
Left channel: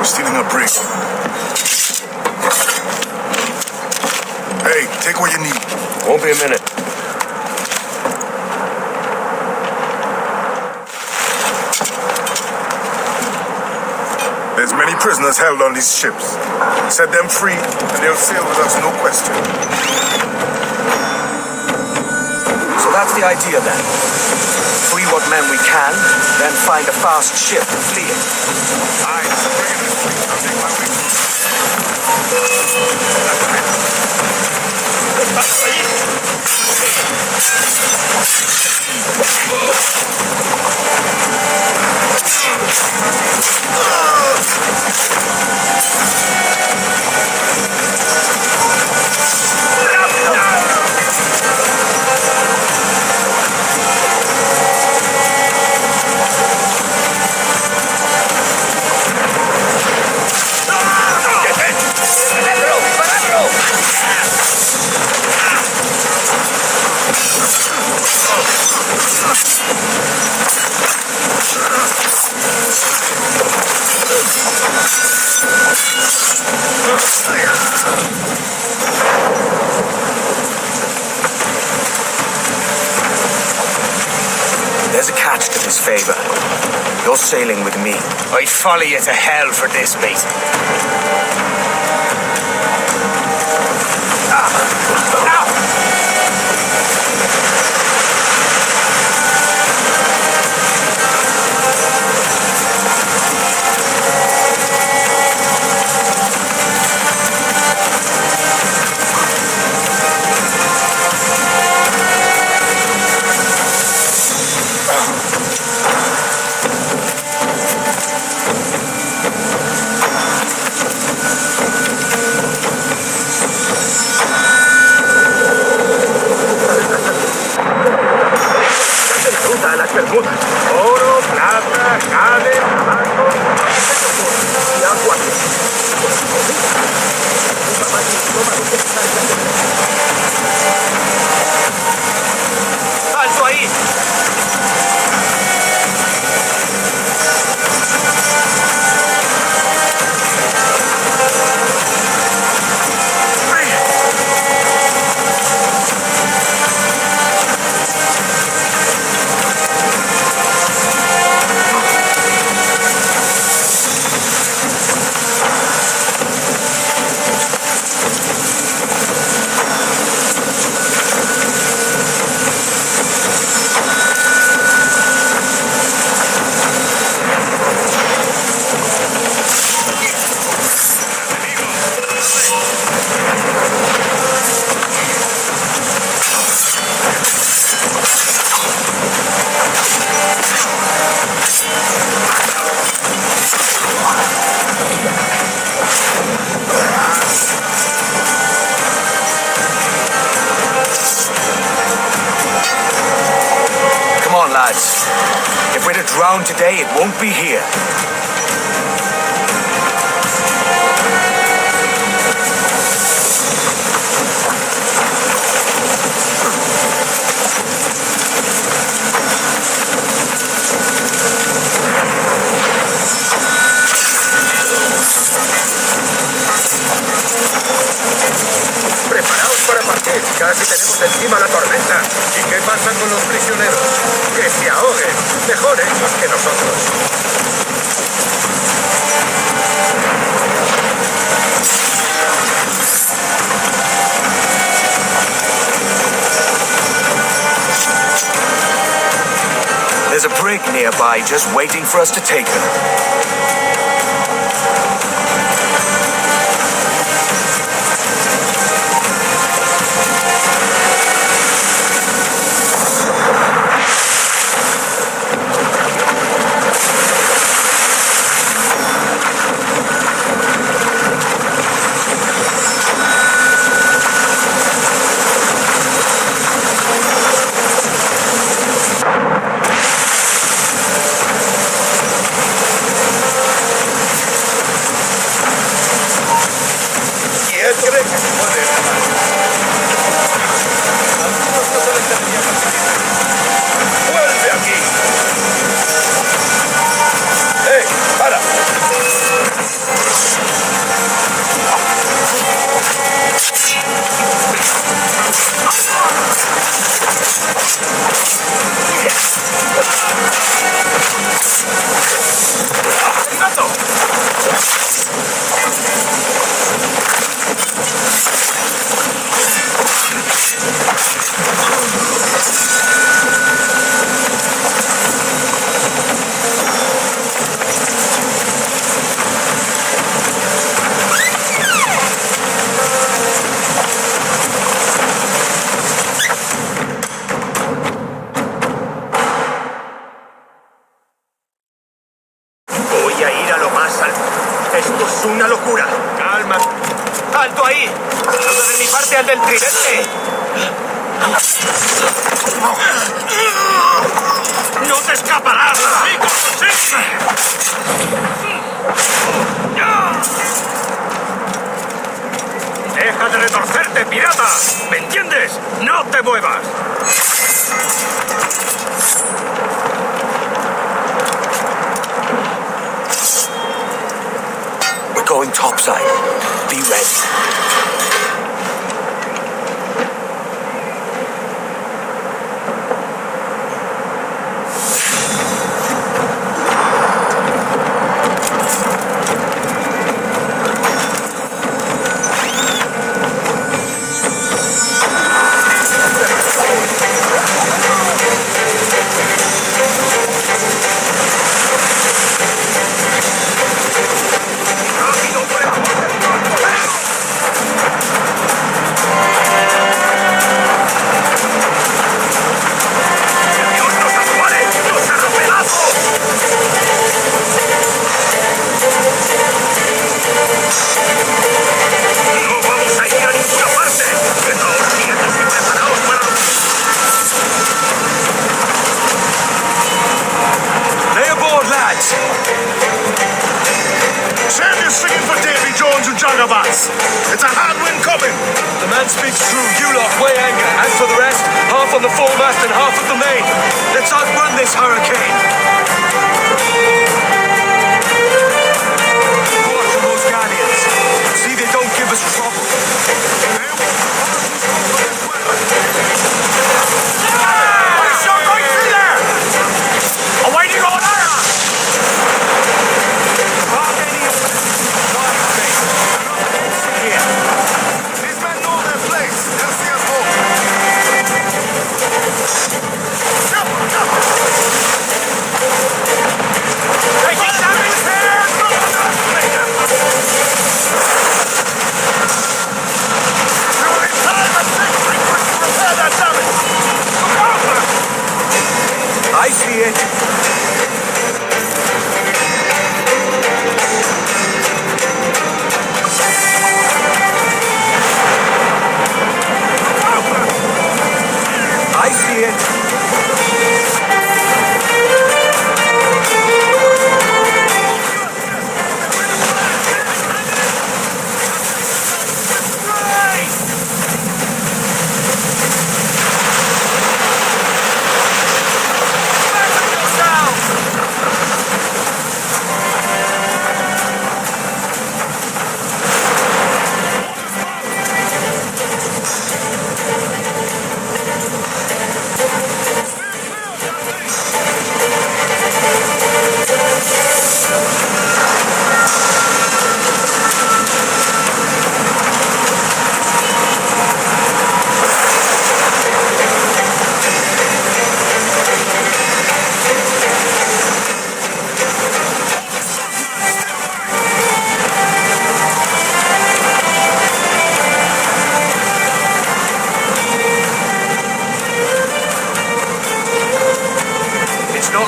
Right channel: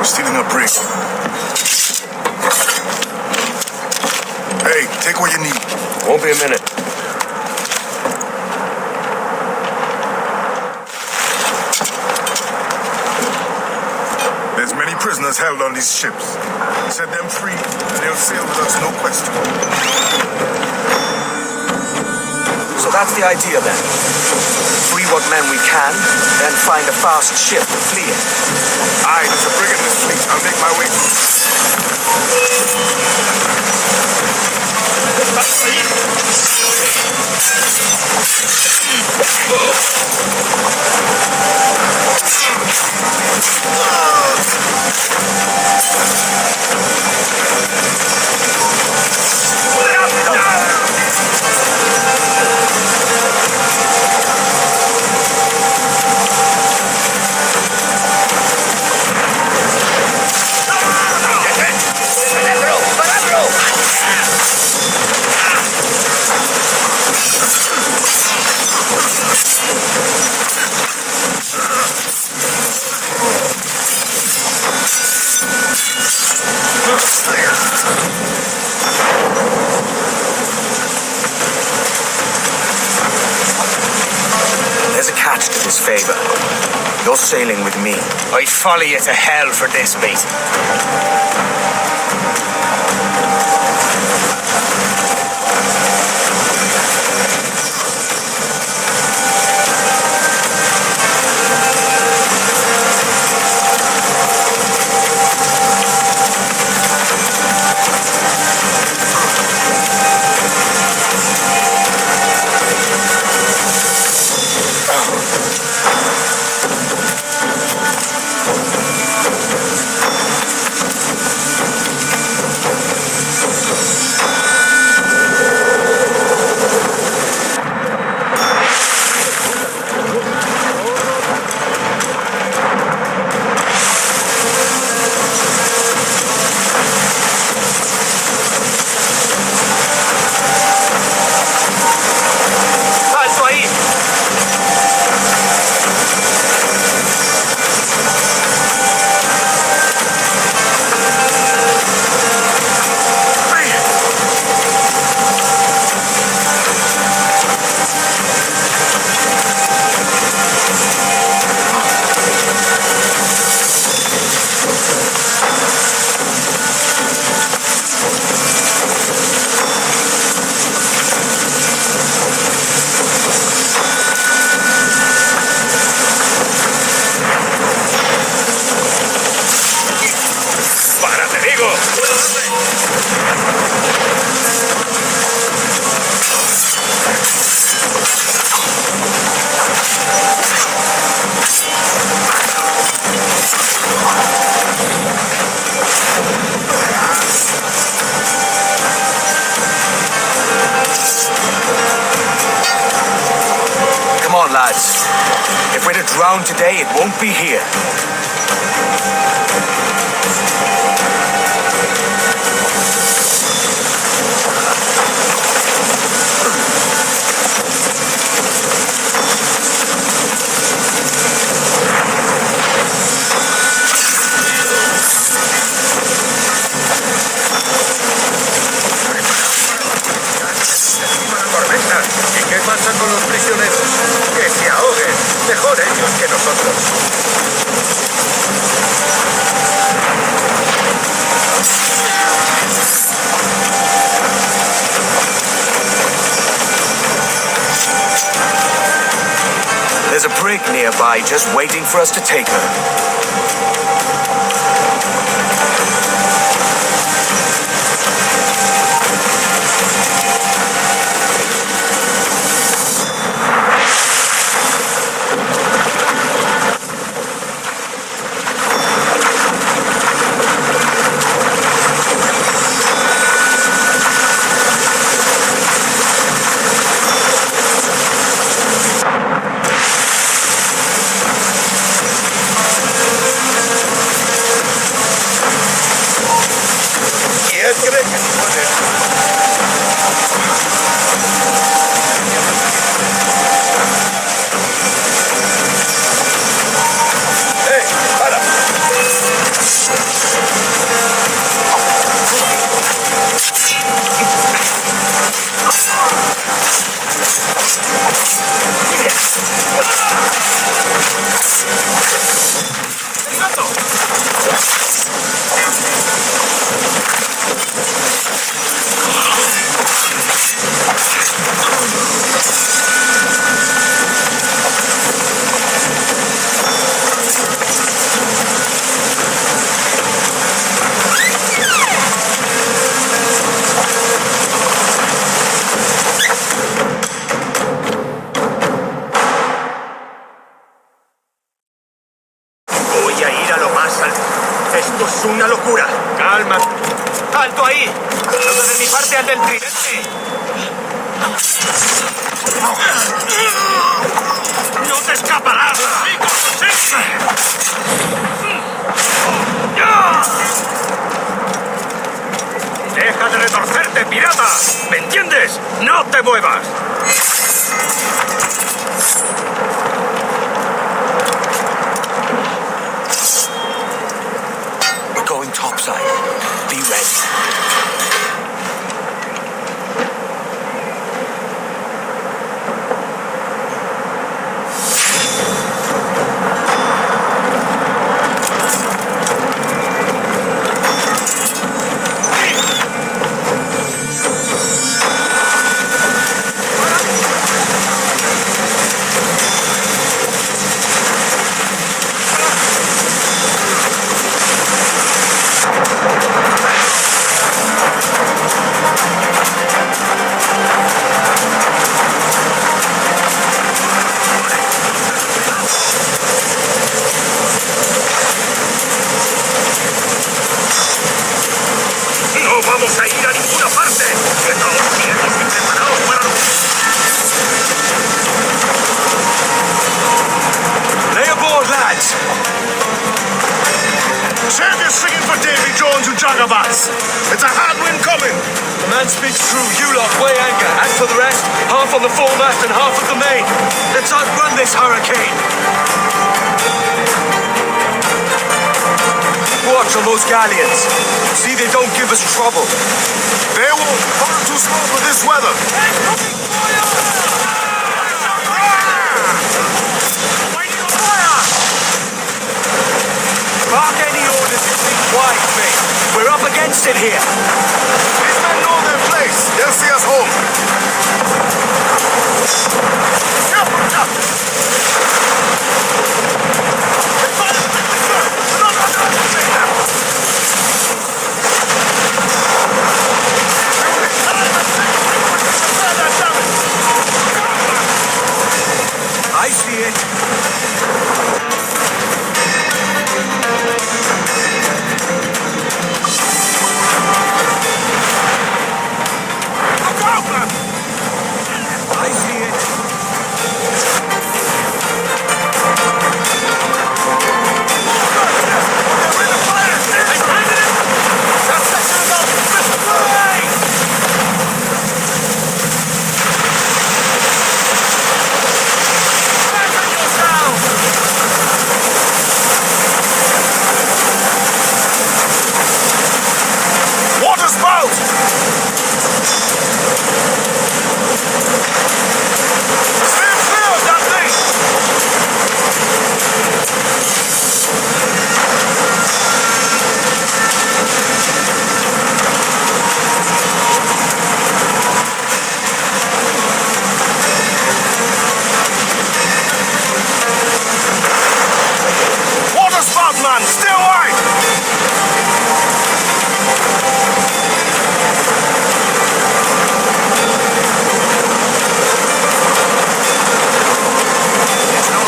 We're stealing a brig. Hey, take what you need. Won't be a minute. There's many prisoners held on these ships. Set them free, and they'll sail with us, no question. So that's the idea then. Free what men we can, then find a fast ship to flee in. Aye, there's a brig in this fleet. I'll make my way to it. There's a catch to this favor. You're sailing with me. I'd follow you to hell for this, mate. ¡Alto ahí! Come on, lads. If we're to drown today, it won't be here. Preparaos para partir. Casi tenemos encima la tormenta. ¿Y qué pasa con los prisioneros? Que se ahoguen. Mejor ellos que nosotros. There's a brig nearby just waiting for us to take her. ¿Quién cree que se puede escapar? ¡Vuelve aquí! ¡Hey! ¡Para! Voy a ir a lo más alto. Esto es una locura. Calma. ¡Alto ahí! ¡Saludo de mi parte al del tridente! ¡No te escaparás! ¡Deja de retorcerte, pirata! ¿Me entiendes? ¡No te muevas! We're going topside. Be ready. lads! Save your singing for Davy Jones and Jagabats. It's a hard wind coming. The man speaks true. You lot weigh anchor. As for the rest, half on the foremast and half at the main. Let's outrun this hurricane. Keep watch on those galleons. See they don't give us trouble. They won't. Far too slow for this weather. Awaiting order! Bark any orders you think wise, mate. We're up against it here. These men know their place. They'll see us home. I see it. I see it.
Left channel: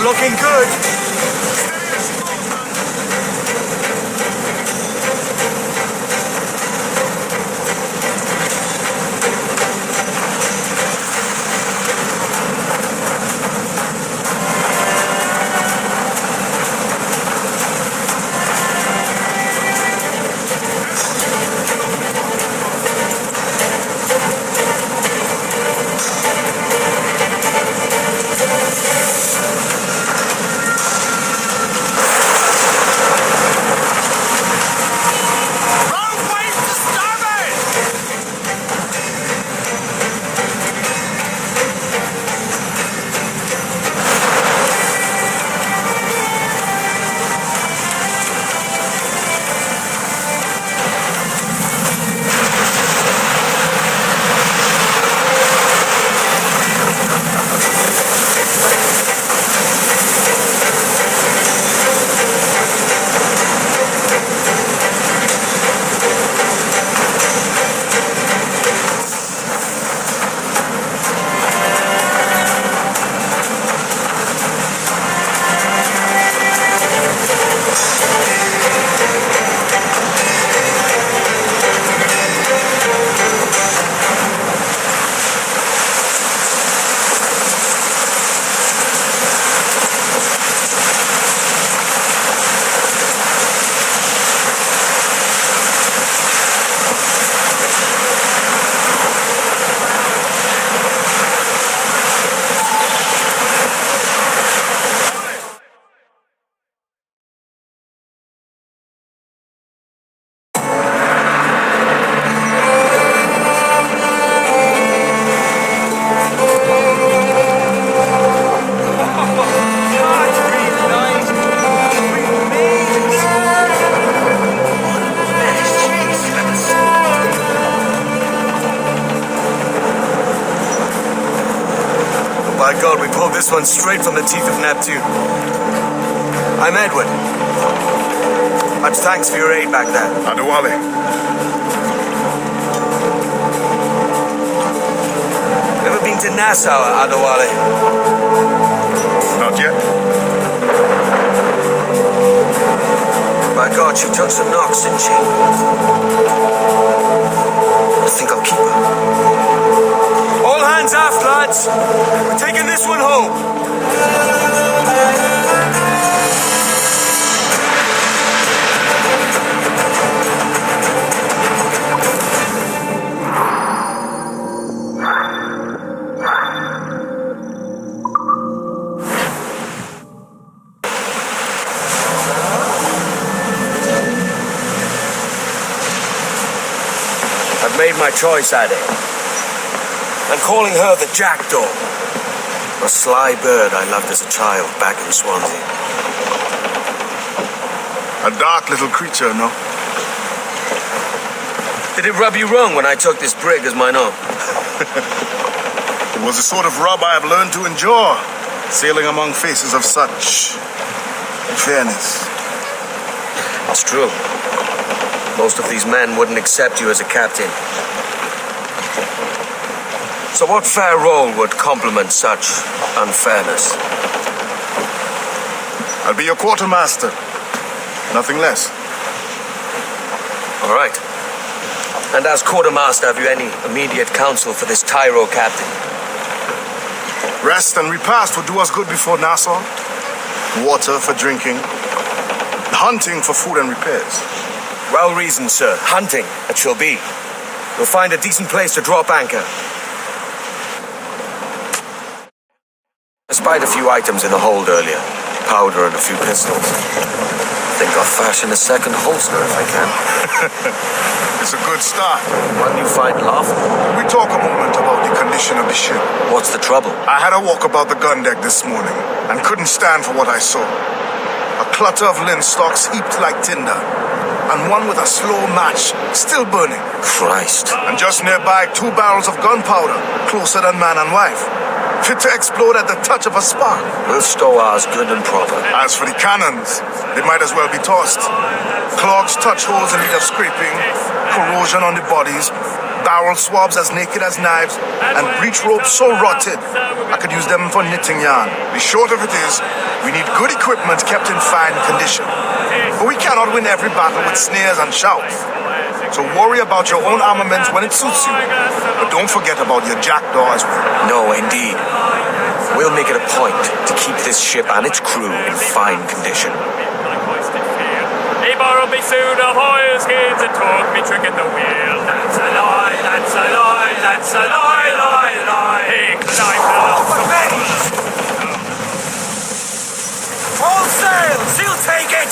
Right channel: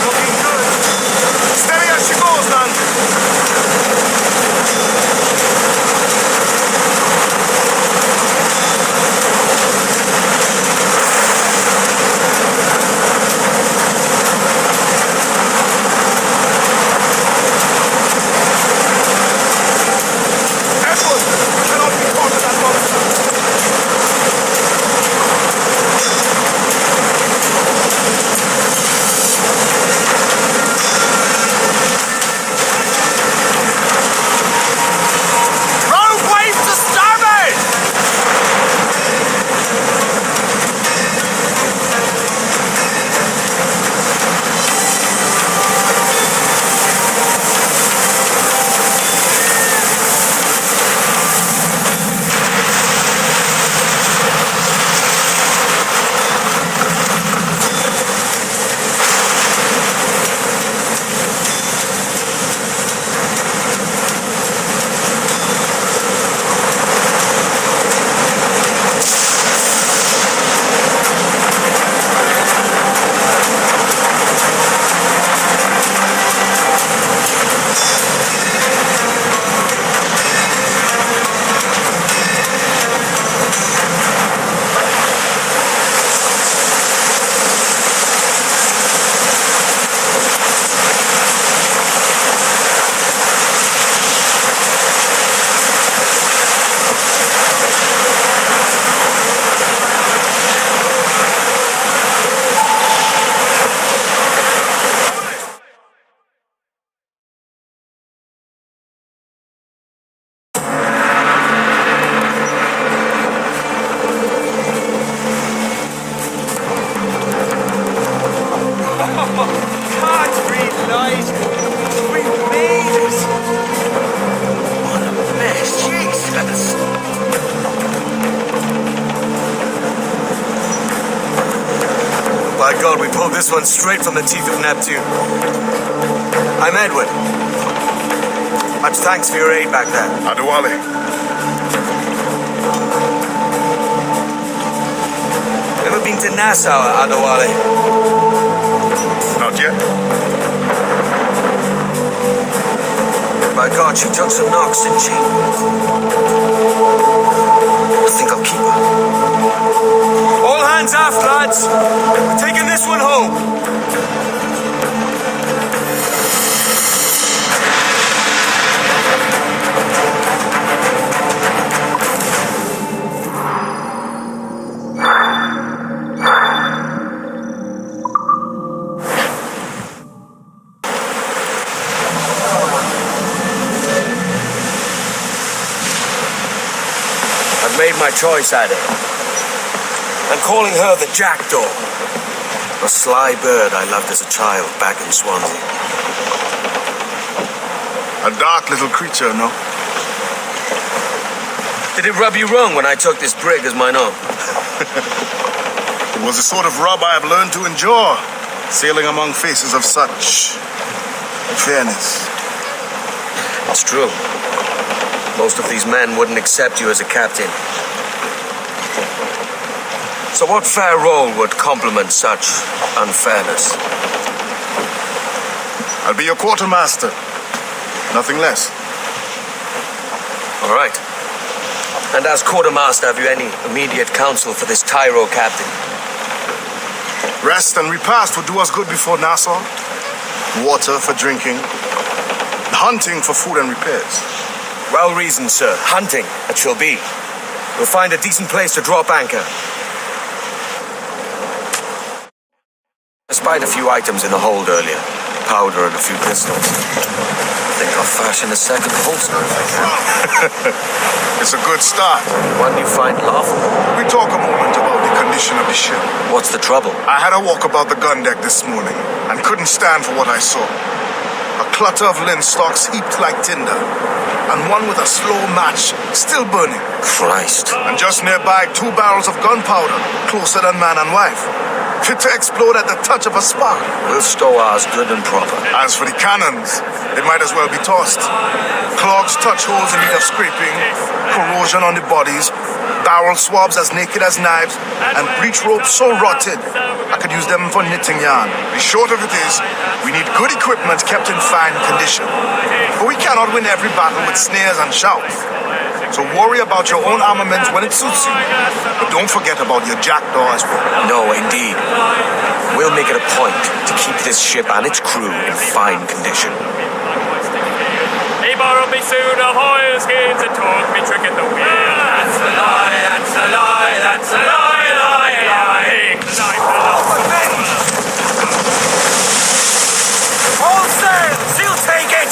Looking good. Steady as she goes, man. Edward cannot be caught in that monster. By God, we pulled this one straight from the teeth of Neptune. I'm Edward. Much thanks for your aid back there. Adewale. Ever been to Nassau, Adewale? Not yet. By God, she took some knocks, didn't she? I think I'll keep her. All hands aft, lads. We're taking this one home. I've made my choice, Ade. I'm calling her the Jackdaw. A sly bird I loved as a child back in Swansea. A dark little creature, no? Did it rub you wrong when I took this brig as mine own? It was the sort of rub I have learned to endure, sailing among faces of such fairness. It's true. Most of these men wouldn't accept you as a captain. So what fair role would complement such unfairness? I'll be your quartermaster. Nothing less. All right. And as quartermaster, have you any immediate counsel for this Tyro captain? Rest and repast would do us good before Nassau. Water for drinking. Hunting for food and repairs. Well reasoned, sir. Hunting, it shall be. We'll find a decent place to drop anchor. I spied a few items in the hold earlier. Powder and a few pistols. I think I'll fashion a second holster if I can. It's a good start. One you find laughable. Could we talk a moment about the condition of the ship? What's the trouble? I had a walk about the gun deck this morning and couldn't stand for what I saw. A clutter of linstocks heaped like tinder, and one with a slow match still burning. Christ. And just nearby, 2 barrels of gunpowder, closer than man and wife, fit to explode at the touch of a spark. We'll stow ours good and proper. As for the cannons, they might as well be tossed. Clogs touch holes in need of scraping, corrosion on the bodies, barrel swabs as naked as knives, and breech ropes so rotted I could use them for knitting yarn. The short of it is, we need good equipment kept in fine condition. But we cannot win every battle with snares and shouts. So worry about your own armament when it suits you. But don't forget about your jackdaw as well. No, indeed. We'll make it a point to keep this ship and its crew in fine condition. He borrowed me suit of oilskins and taught me trick at the wheel. That's a lie, that's a lie, that's a lie, lie, lie. All sail! She'll take it!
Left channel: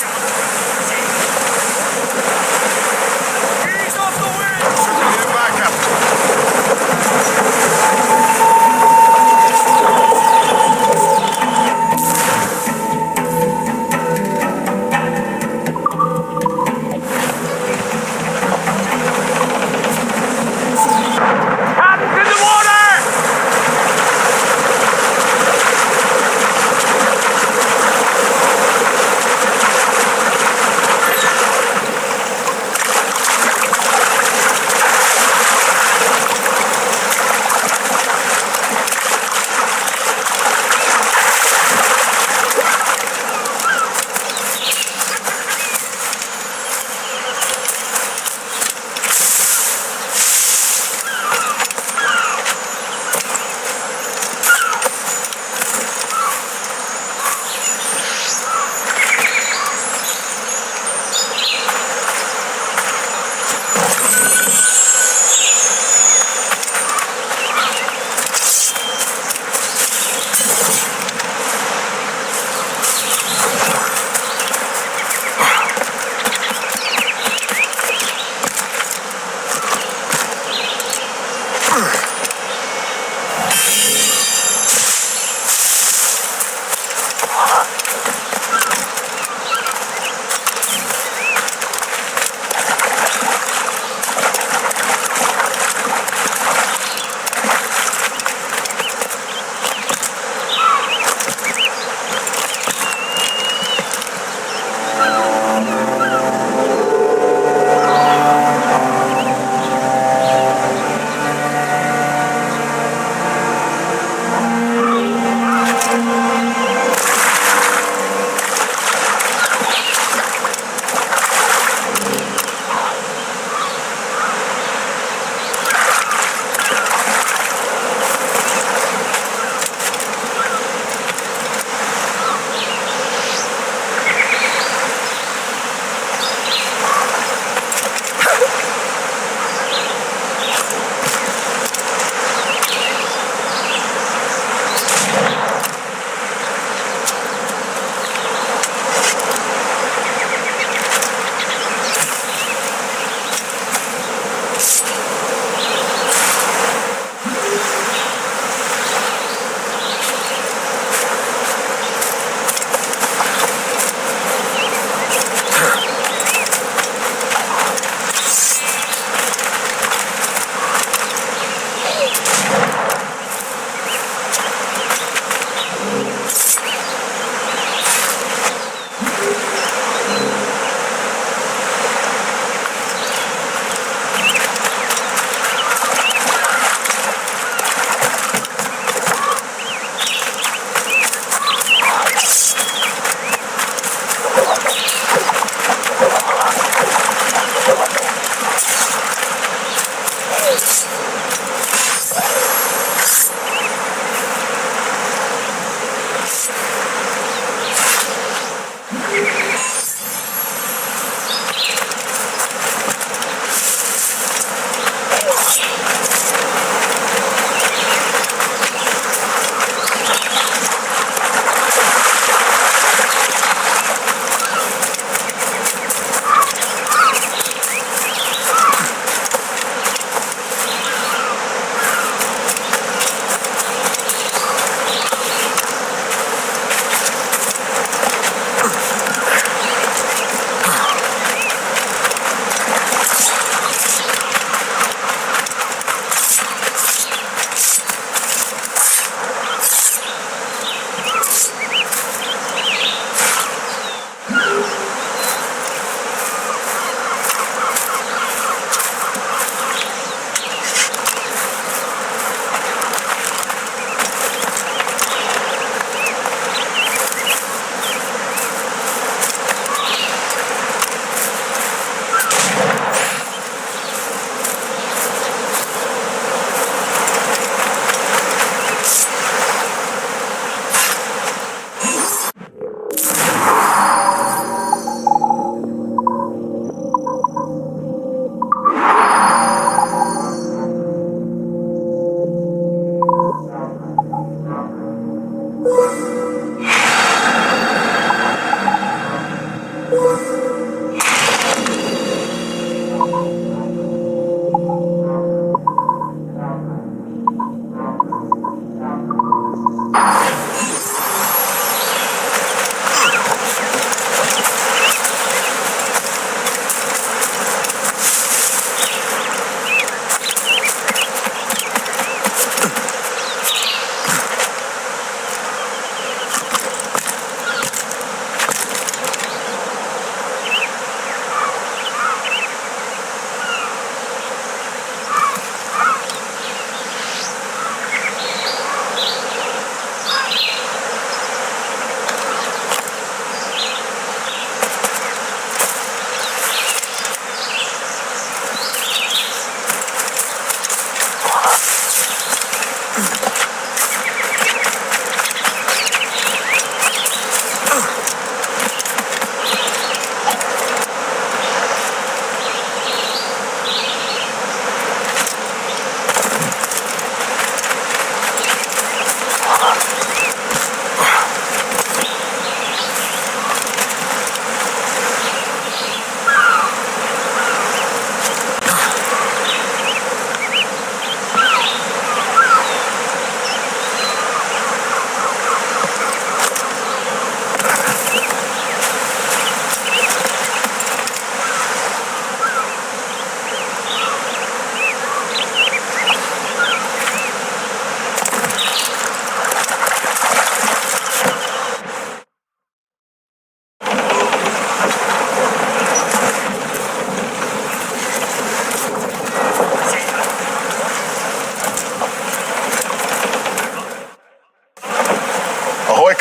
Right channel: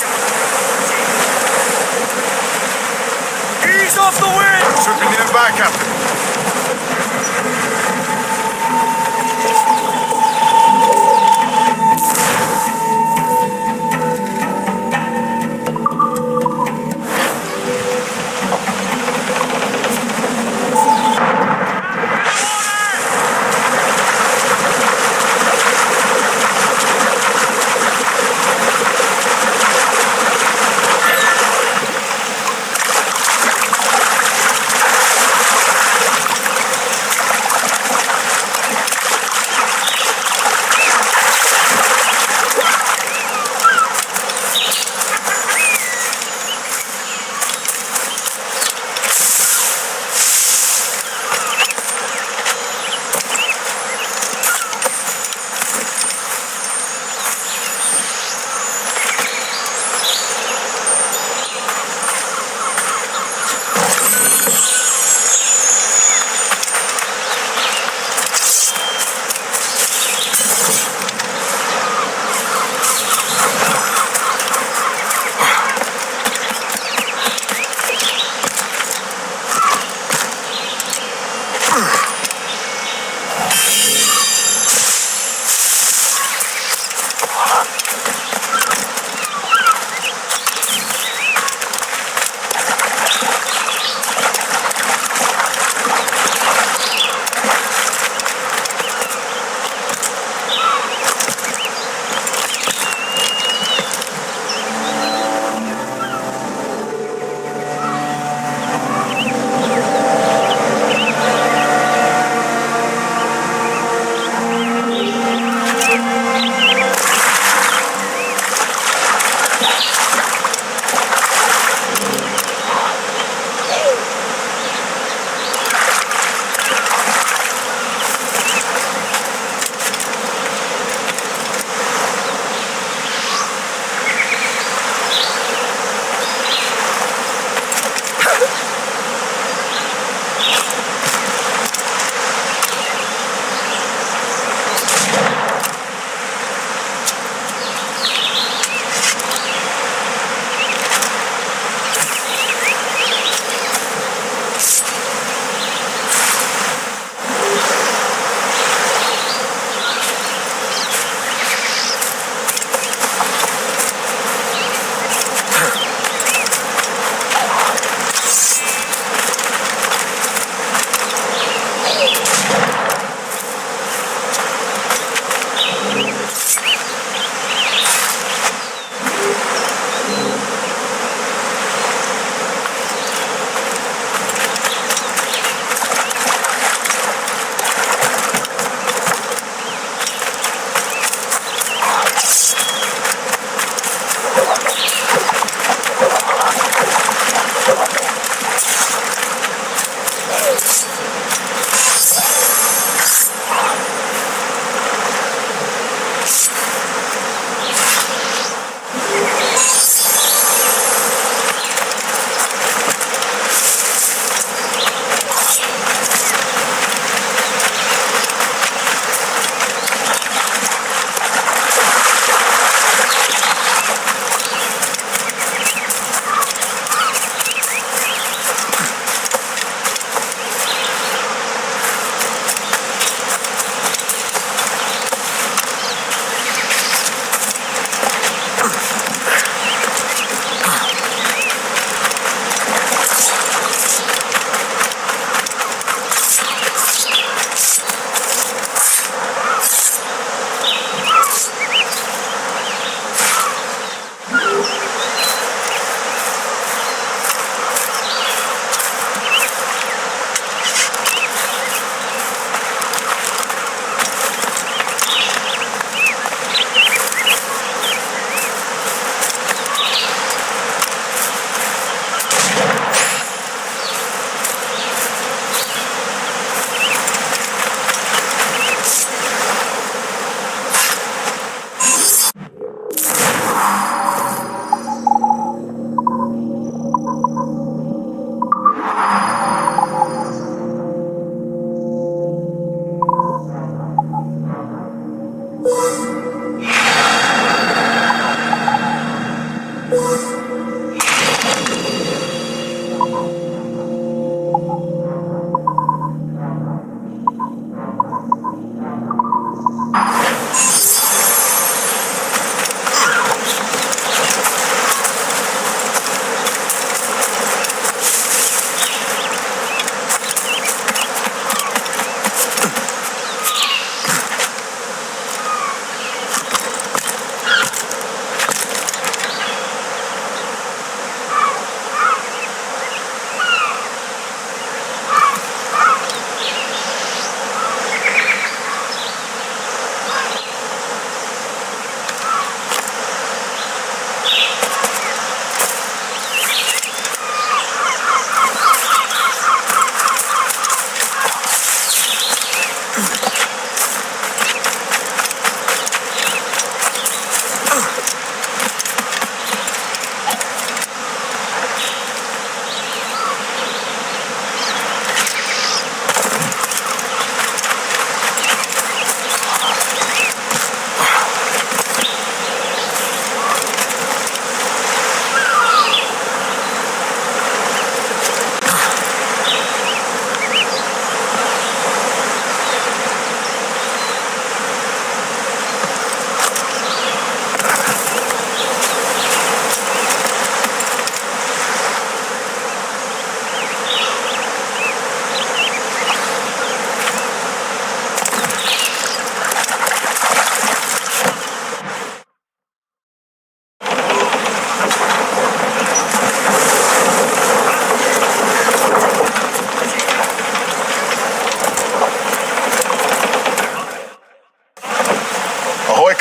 Ease off the wind! Should be nearby, Captain. Hands in the water!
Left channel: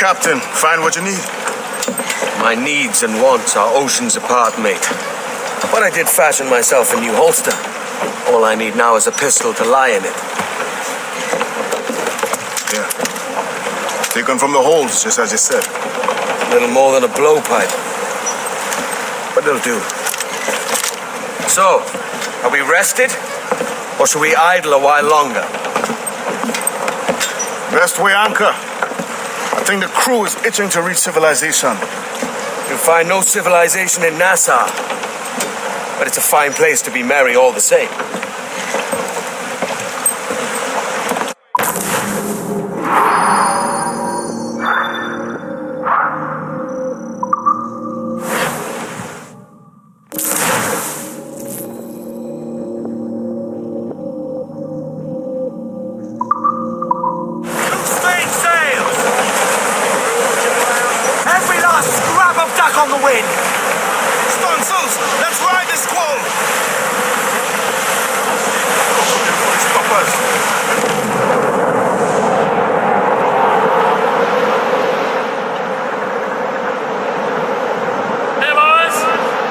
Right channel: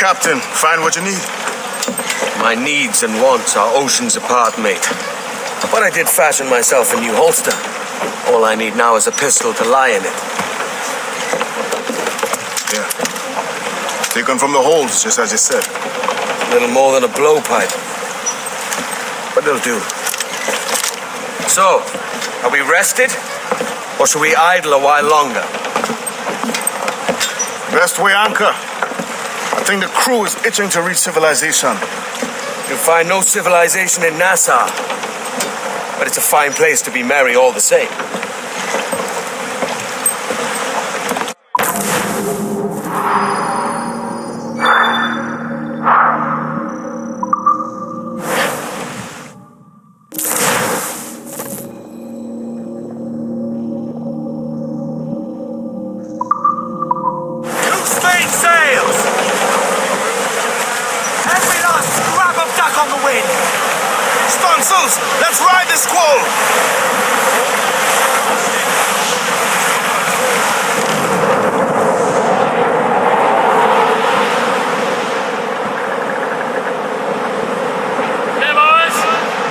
Captain. Find what you need. My needs and wants are oceans apart, mate. But I did fashion myself a new holster. All I need now is a pistol to lie in it. Yeah. Taken from the holds, just as you said. Little more than a blowpipe. But it'll do. So, are we rested? Or should we idle a while longer? Best way anchor. I think the crew is itching to reach civilization. You'll find no civilization in Nassau. But it's a fine place to be merry all the same. Stunsels, let's ride this squall! Hey boys,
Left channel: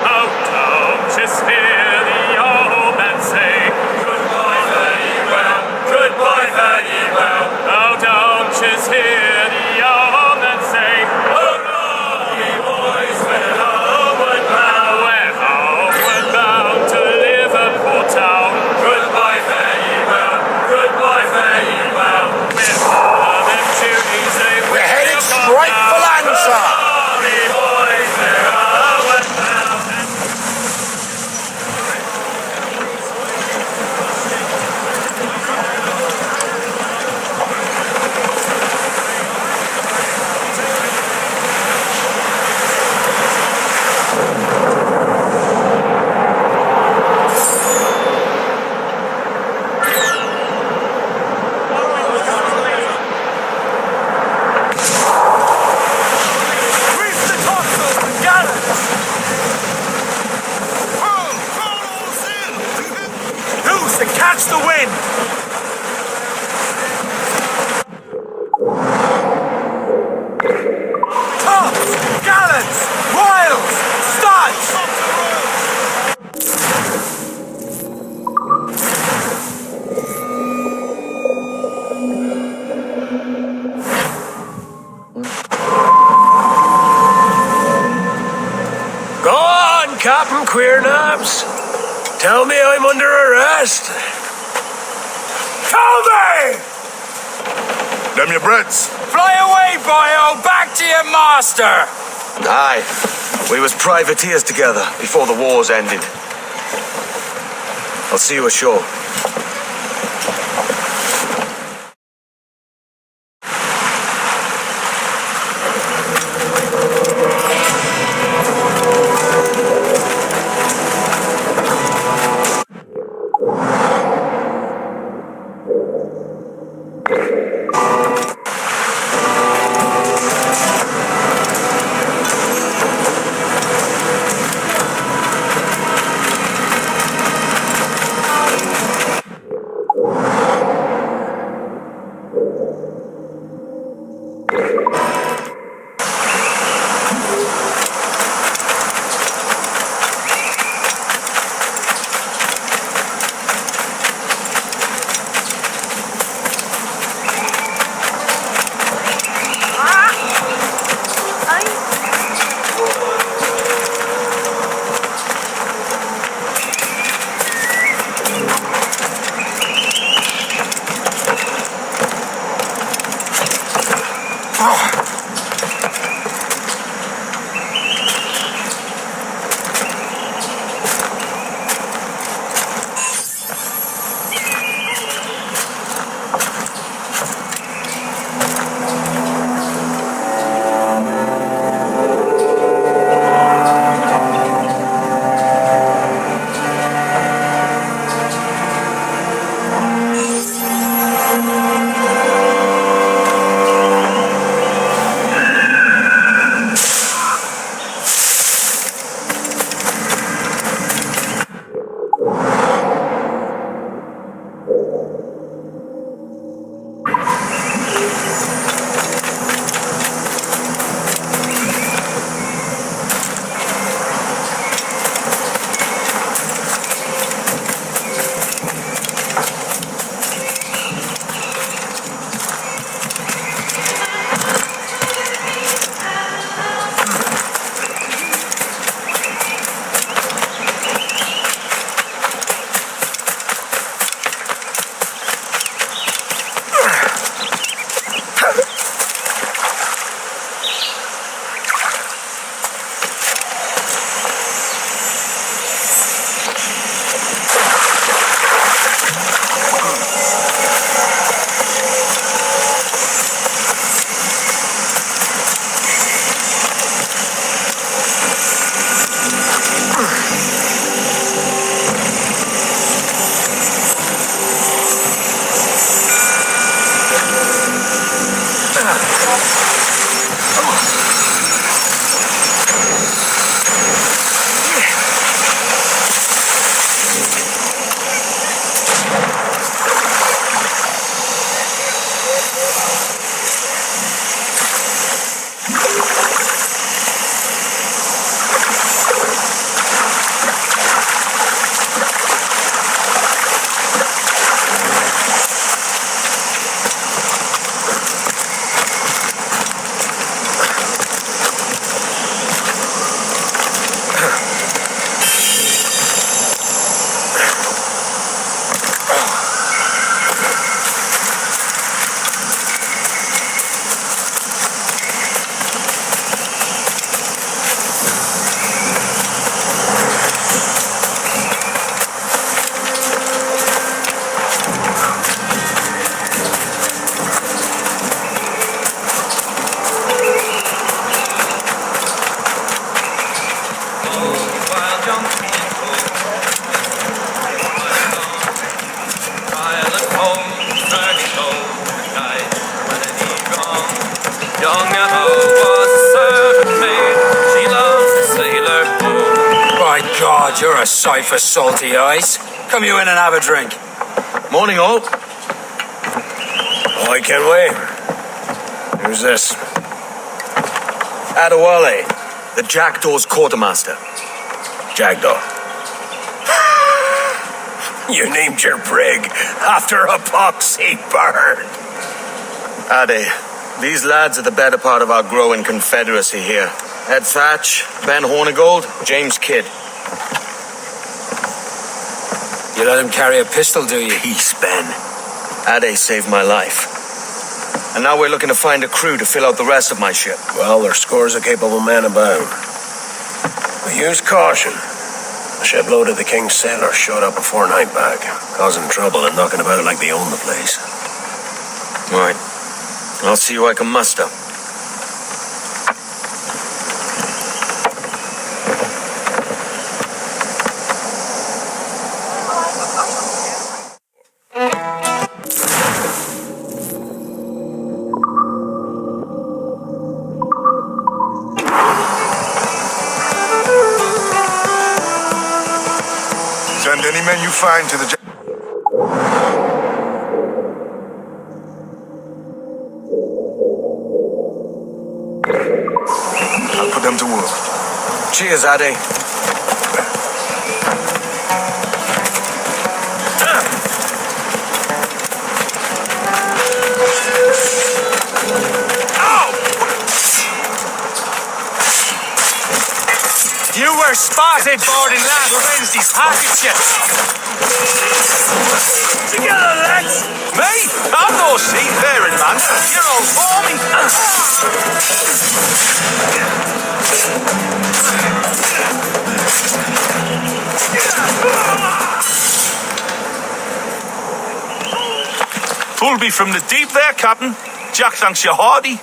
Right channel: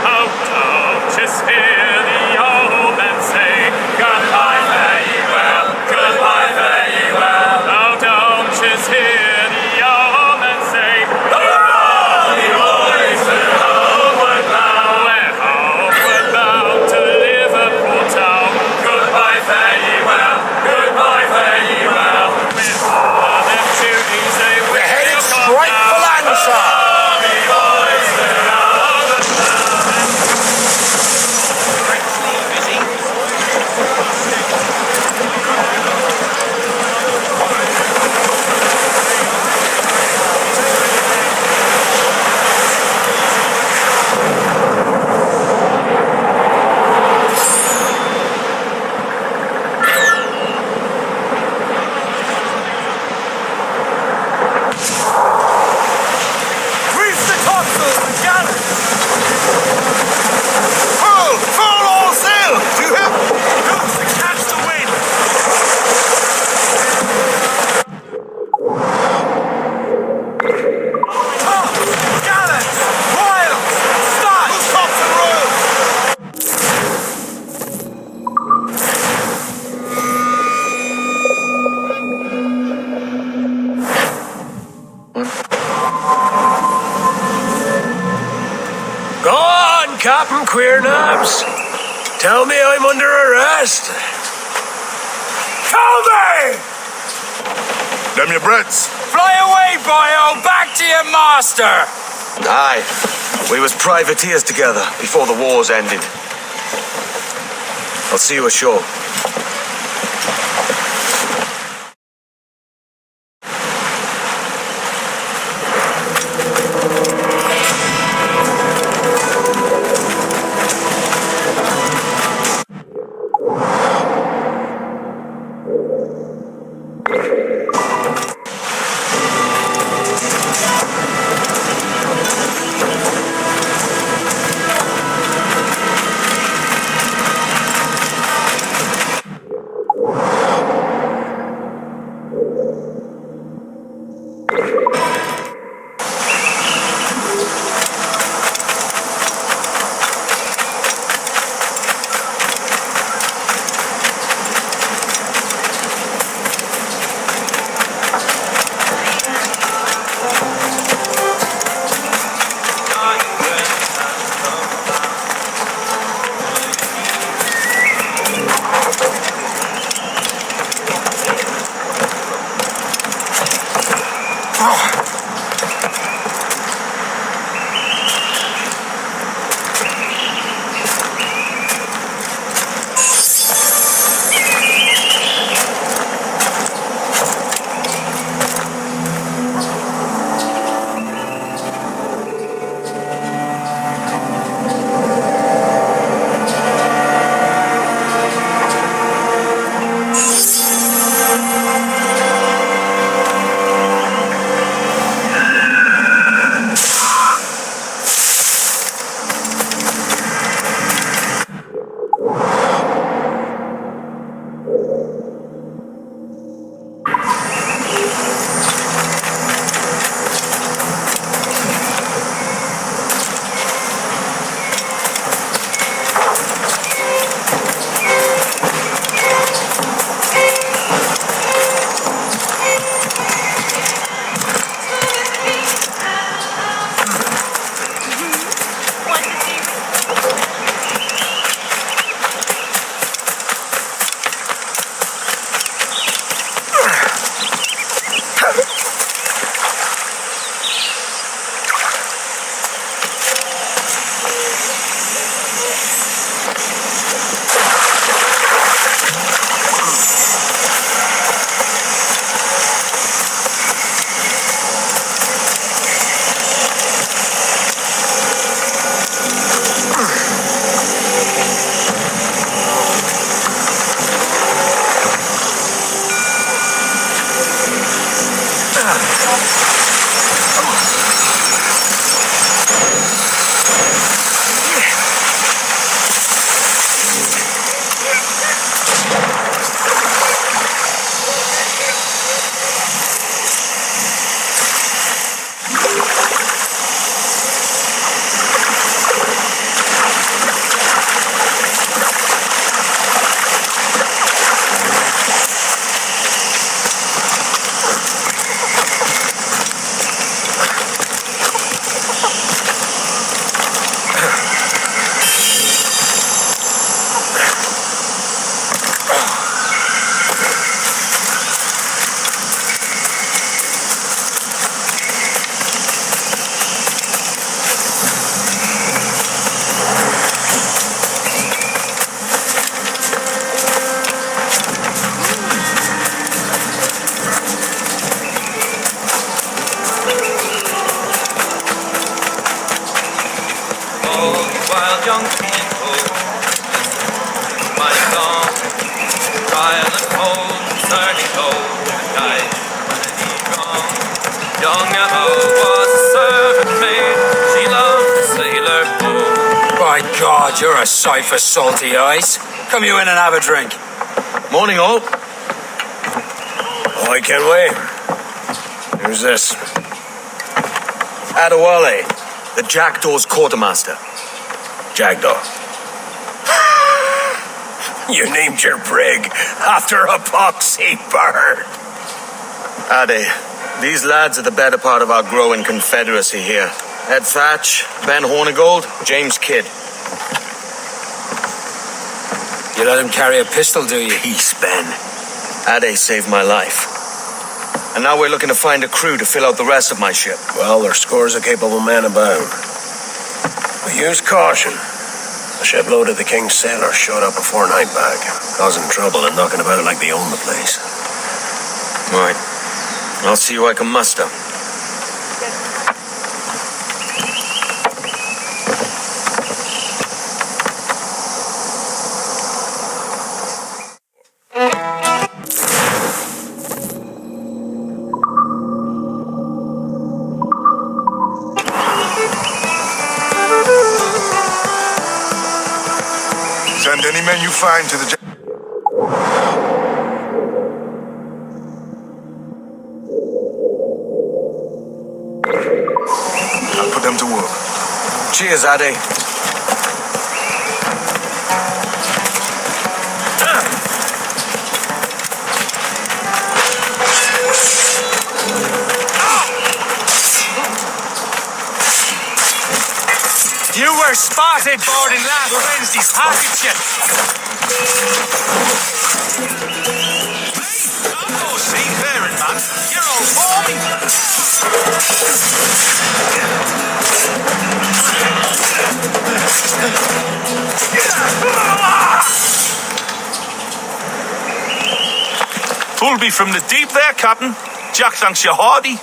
oh don't just hear the old man say goodbye, fare ye well, goodbye, fare ye well. Oh don't just hear the old man say hurrah, ye boys, we're homeward bound. We're homeward bound to Liverpool town. Goodbye, fare ye well, goodbye, fare ye well. With all of them duties they We're headed straight for Lancer! Captain Queernabs, tell me I'm under arrest. Tell me! Them your breads. Fly away, boyo! Back to your master! Aye, we was privateers together before the wars ended. I'll see you ashore. By God, you're a sight for salty eyes. Come you in and have a drink. Morning, all. I can't wait. Who's this? Adewale, the Jackdaw's quartermaster. Jackdaw. You named your brig after a poxy bird. Ade, these lads are the better part of our growing confederacy here. Ed Thatch, Ben Hornigold, James Kidd. You let him carry a pistol, do you? Peace, Ben. Ade saved my life. And now we're looking to find a crew to fill out the rest of my ship. Well, there's scores of capable men about. But use caution. A shipload of the King's sailors showed up a fortnight back, causing trouble and knocking about like they own the place. Right. I'll see who I can muster. Send any men you find to the... I'll put them to work. Cheers, Ade. You were spotted boarding last Wednesday's packet ship. Together, lads. Me? I'm no seafaring man. You're all for me. Pull me from the deep there, Captain. Jack thanks you hardy.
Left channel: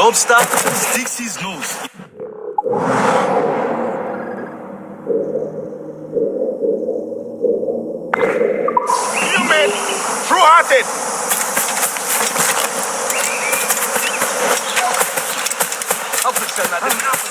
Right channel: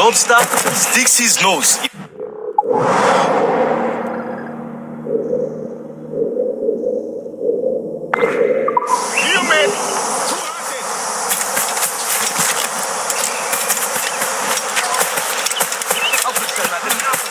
lobster sticks his nose. You mate! True-hearted! Help us, sir, that didn't happen.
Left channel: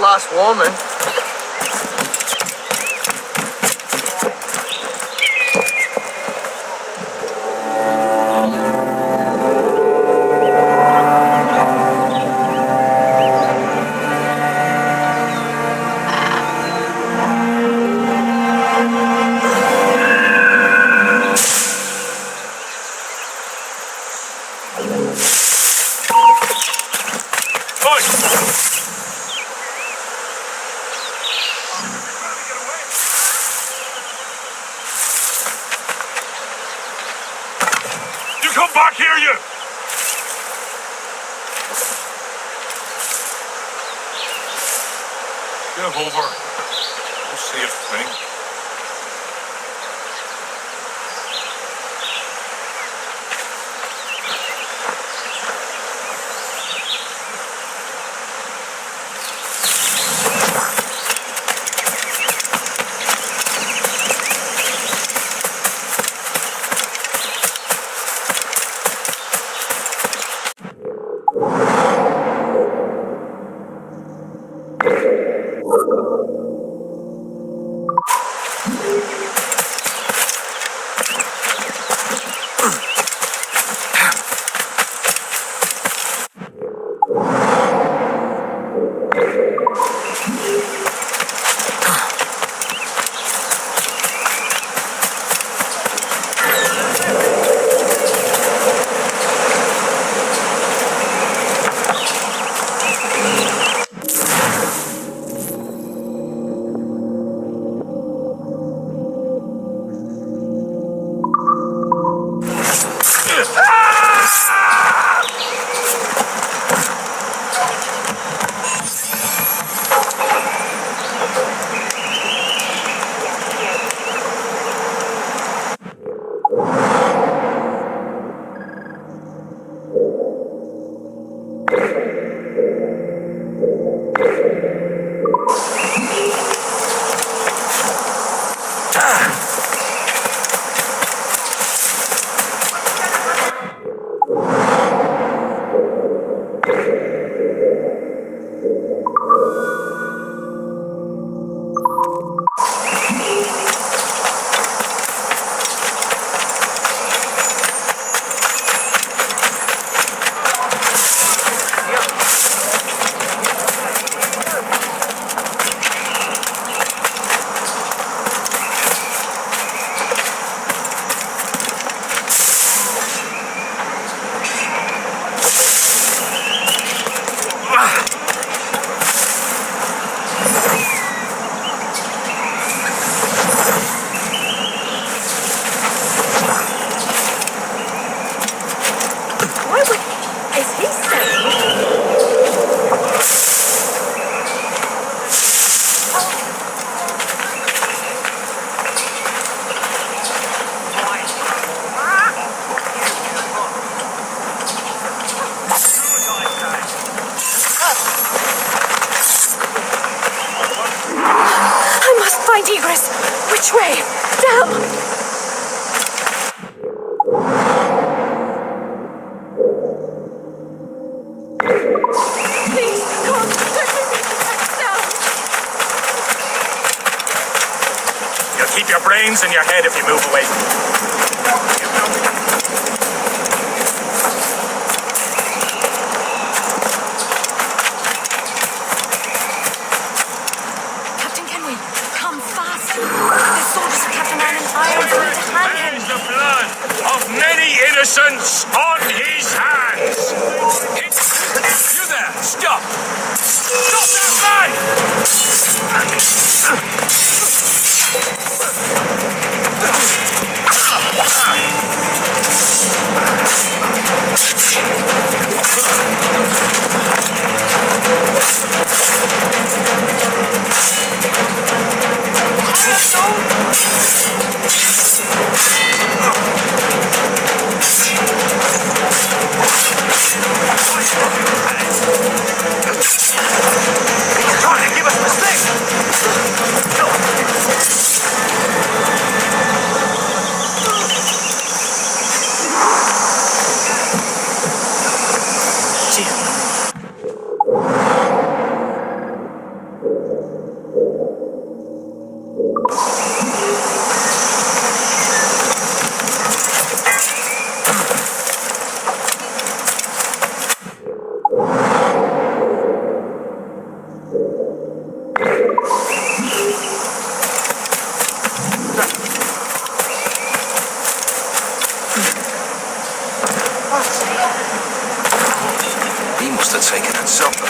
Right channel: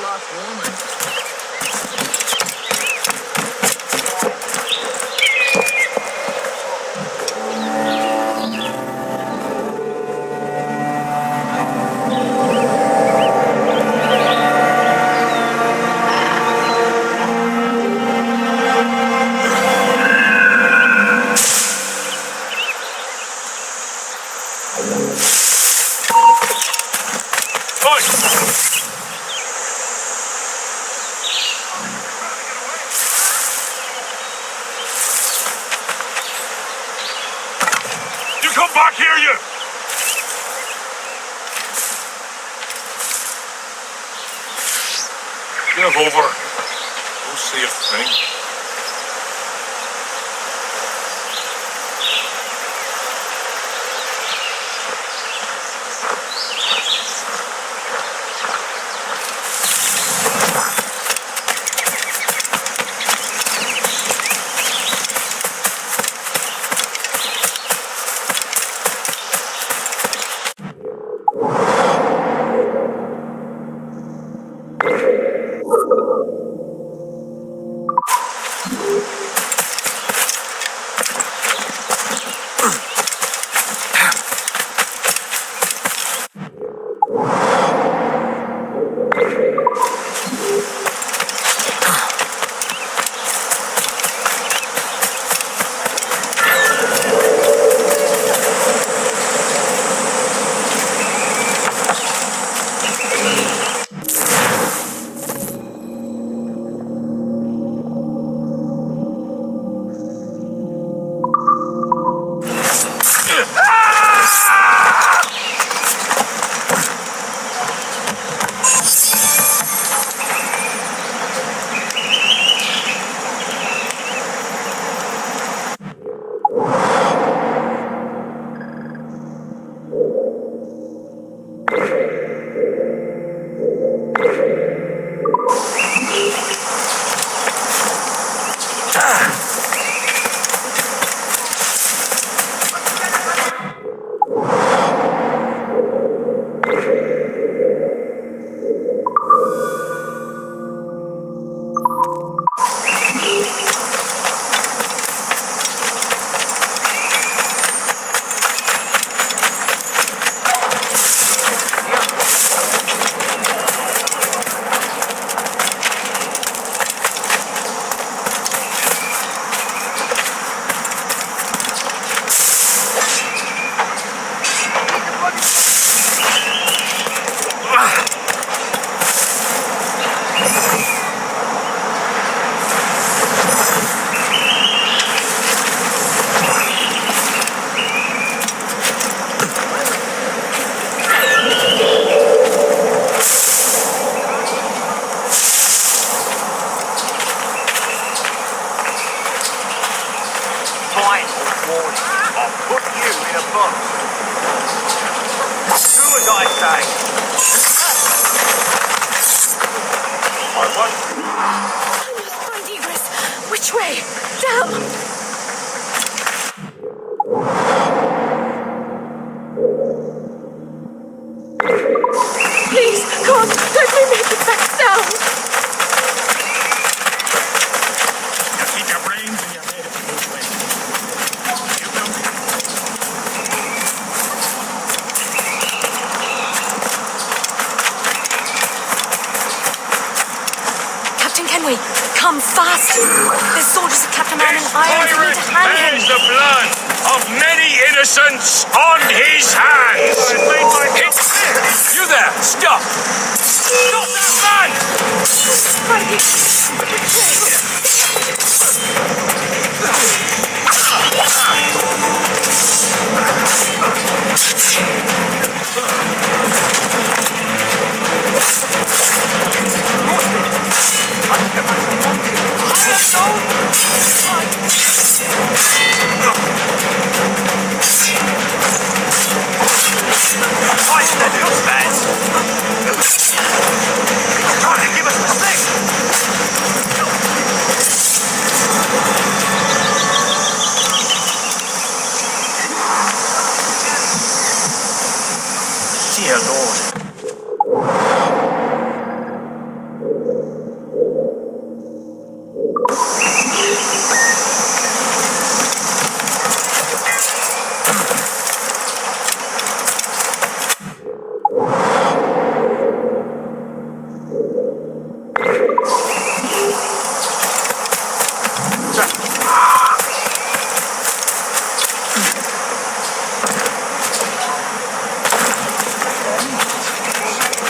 Last warning. You come back here, you! Give over. Don't say a thing. soldiers have kept a man in irons and need to hang him. Bears the blood of many innocents on his hands. You there! Stop! Stop that man! Trying to give us the stick! Dear Lord. He must have taken it somewhere.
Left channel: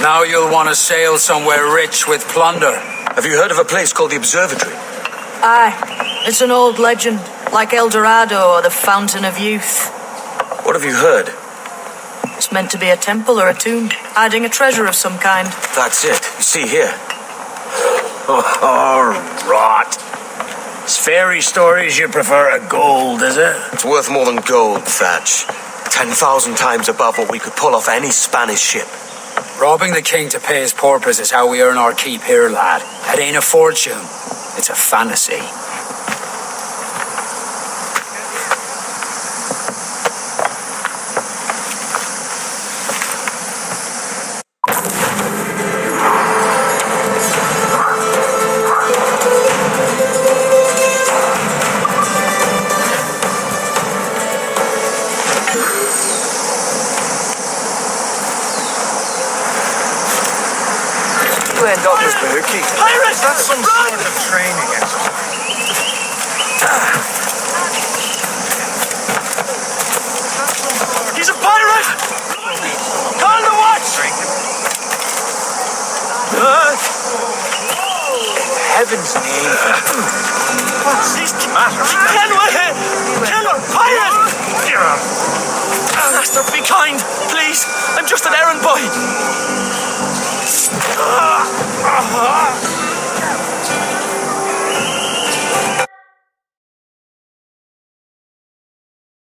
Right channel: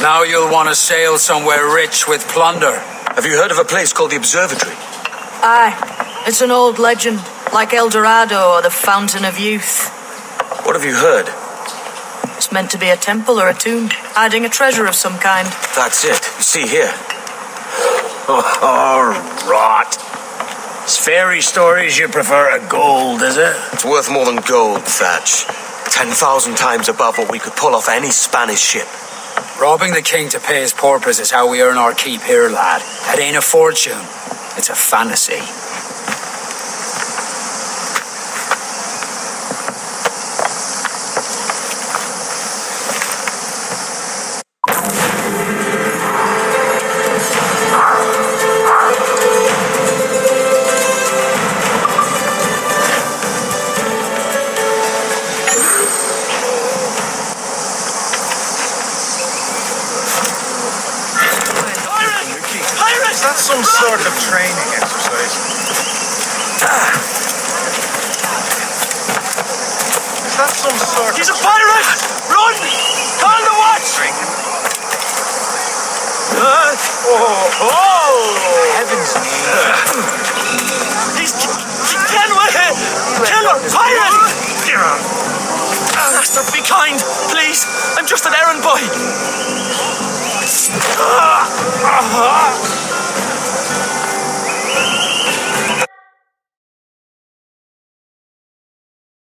Now you'll want to sail somewhere rich with plunder. Have you heard of a place called the Observatory? Aye. It's an old legend, like El Dorado or the Fountain of Youth. What have you heard? It's meant to be a temple or a tomb, hiding a treasure of some kind. That's it. You see here. Oh, rot. It's fairy stories you prefer to gold, is it? It's worth more than gold, Thatch. 10,000 times above what we could pull off any Spanish ship. Robbing the king to pay his porpoise is how we earn our keep here, lad. It ain't a fortune. It's a fantasy. Is that some sort of training exercise? Is that some sort He's a pirate! Run! Call the watch! Heaven's name. He's Kenway! Killer! Pirate! Master, be kind, please. I'm just an errand boy.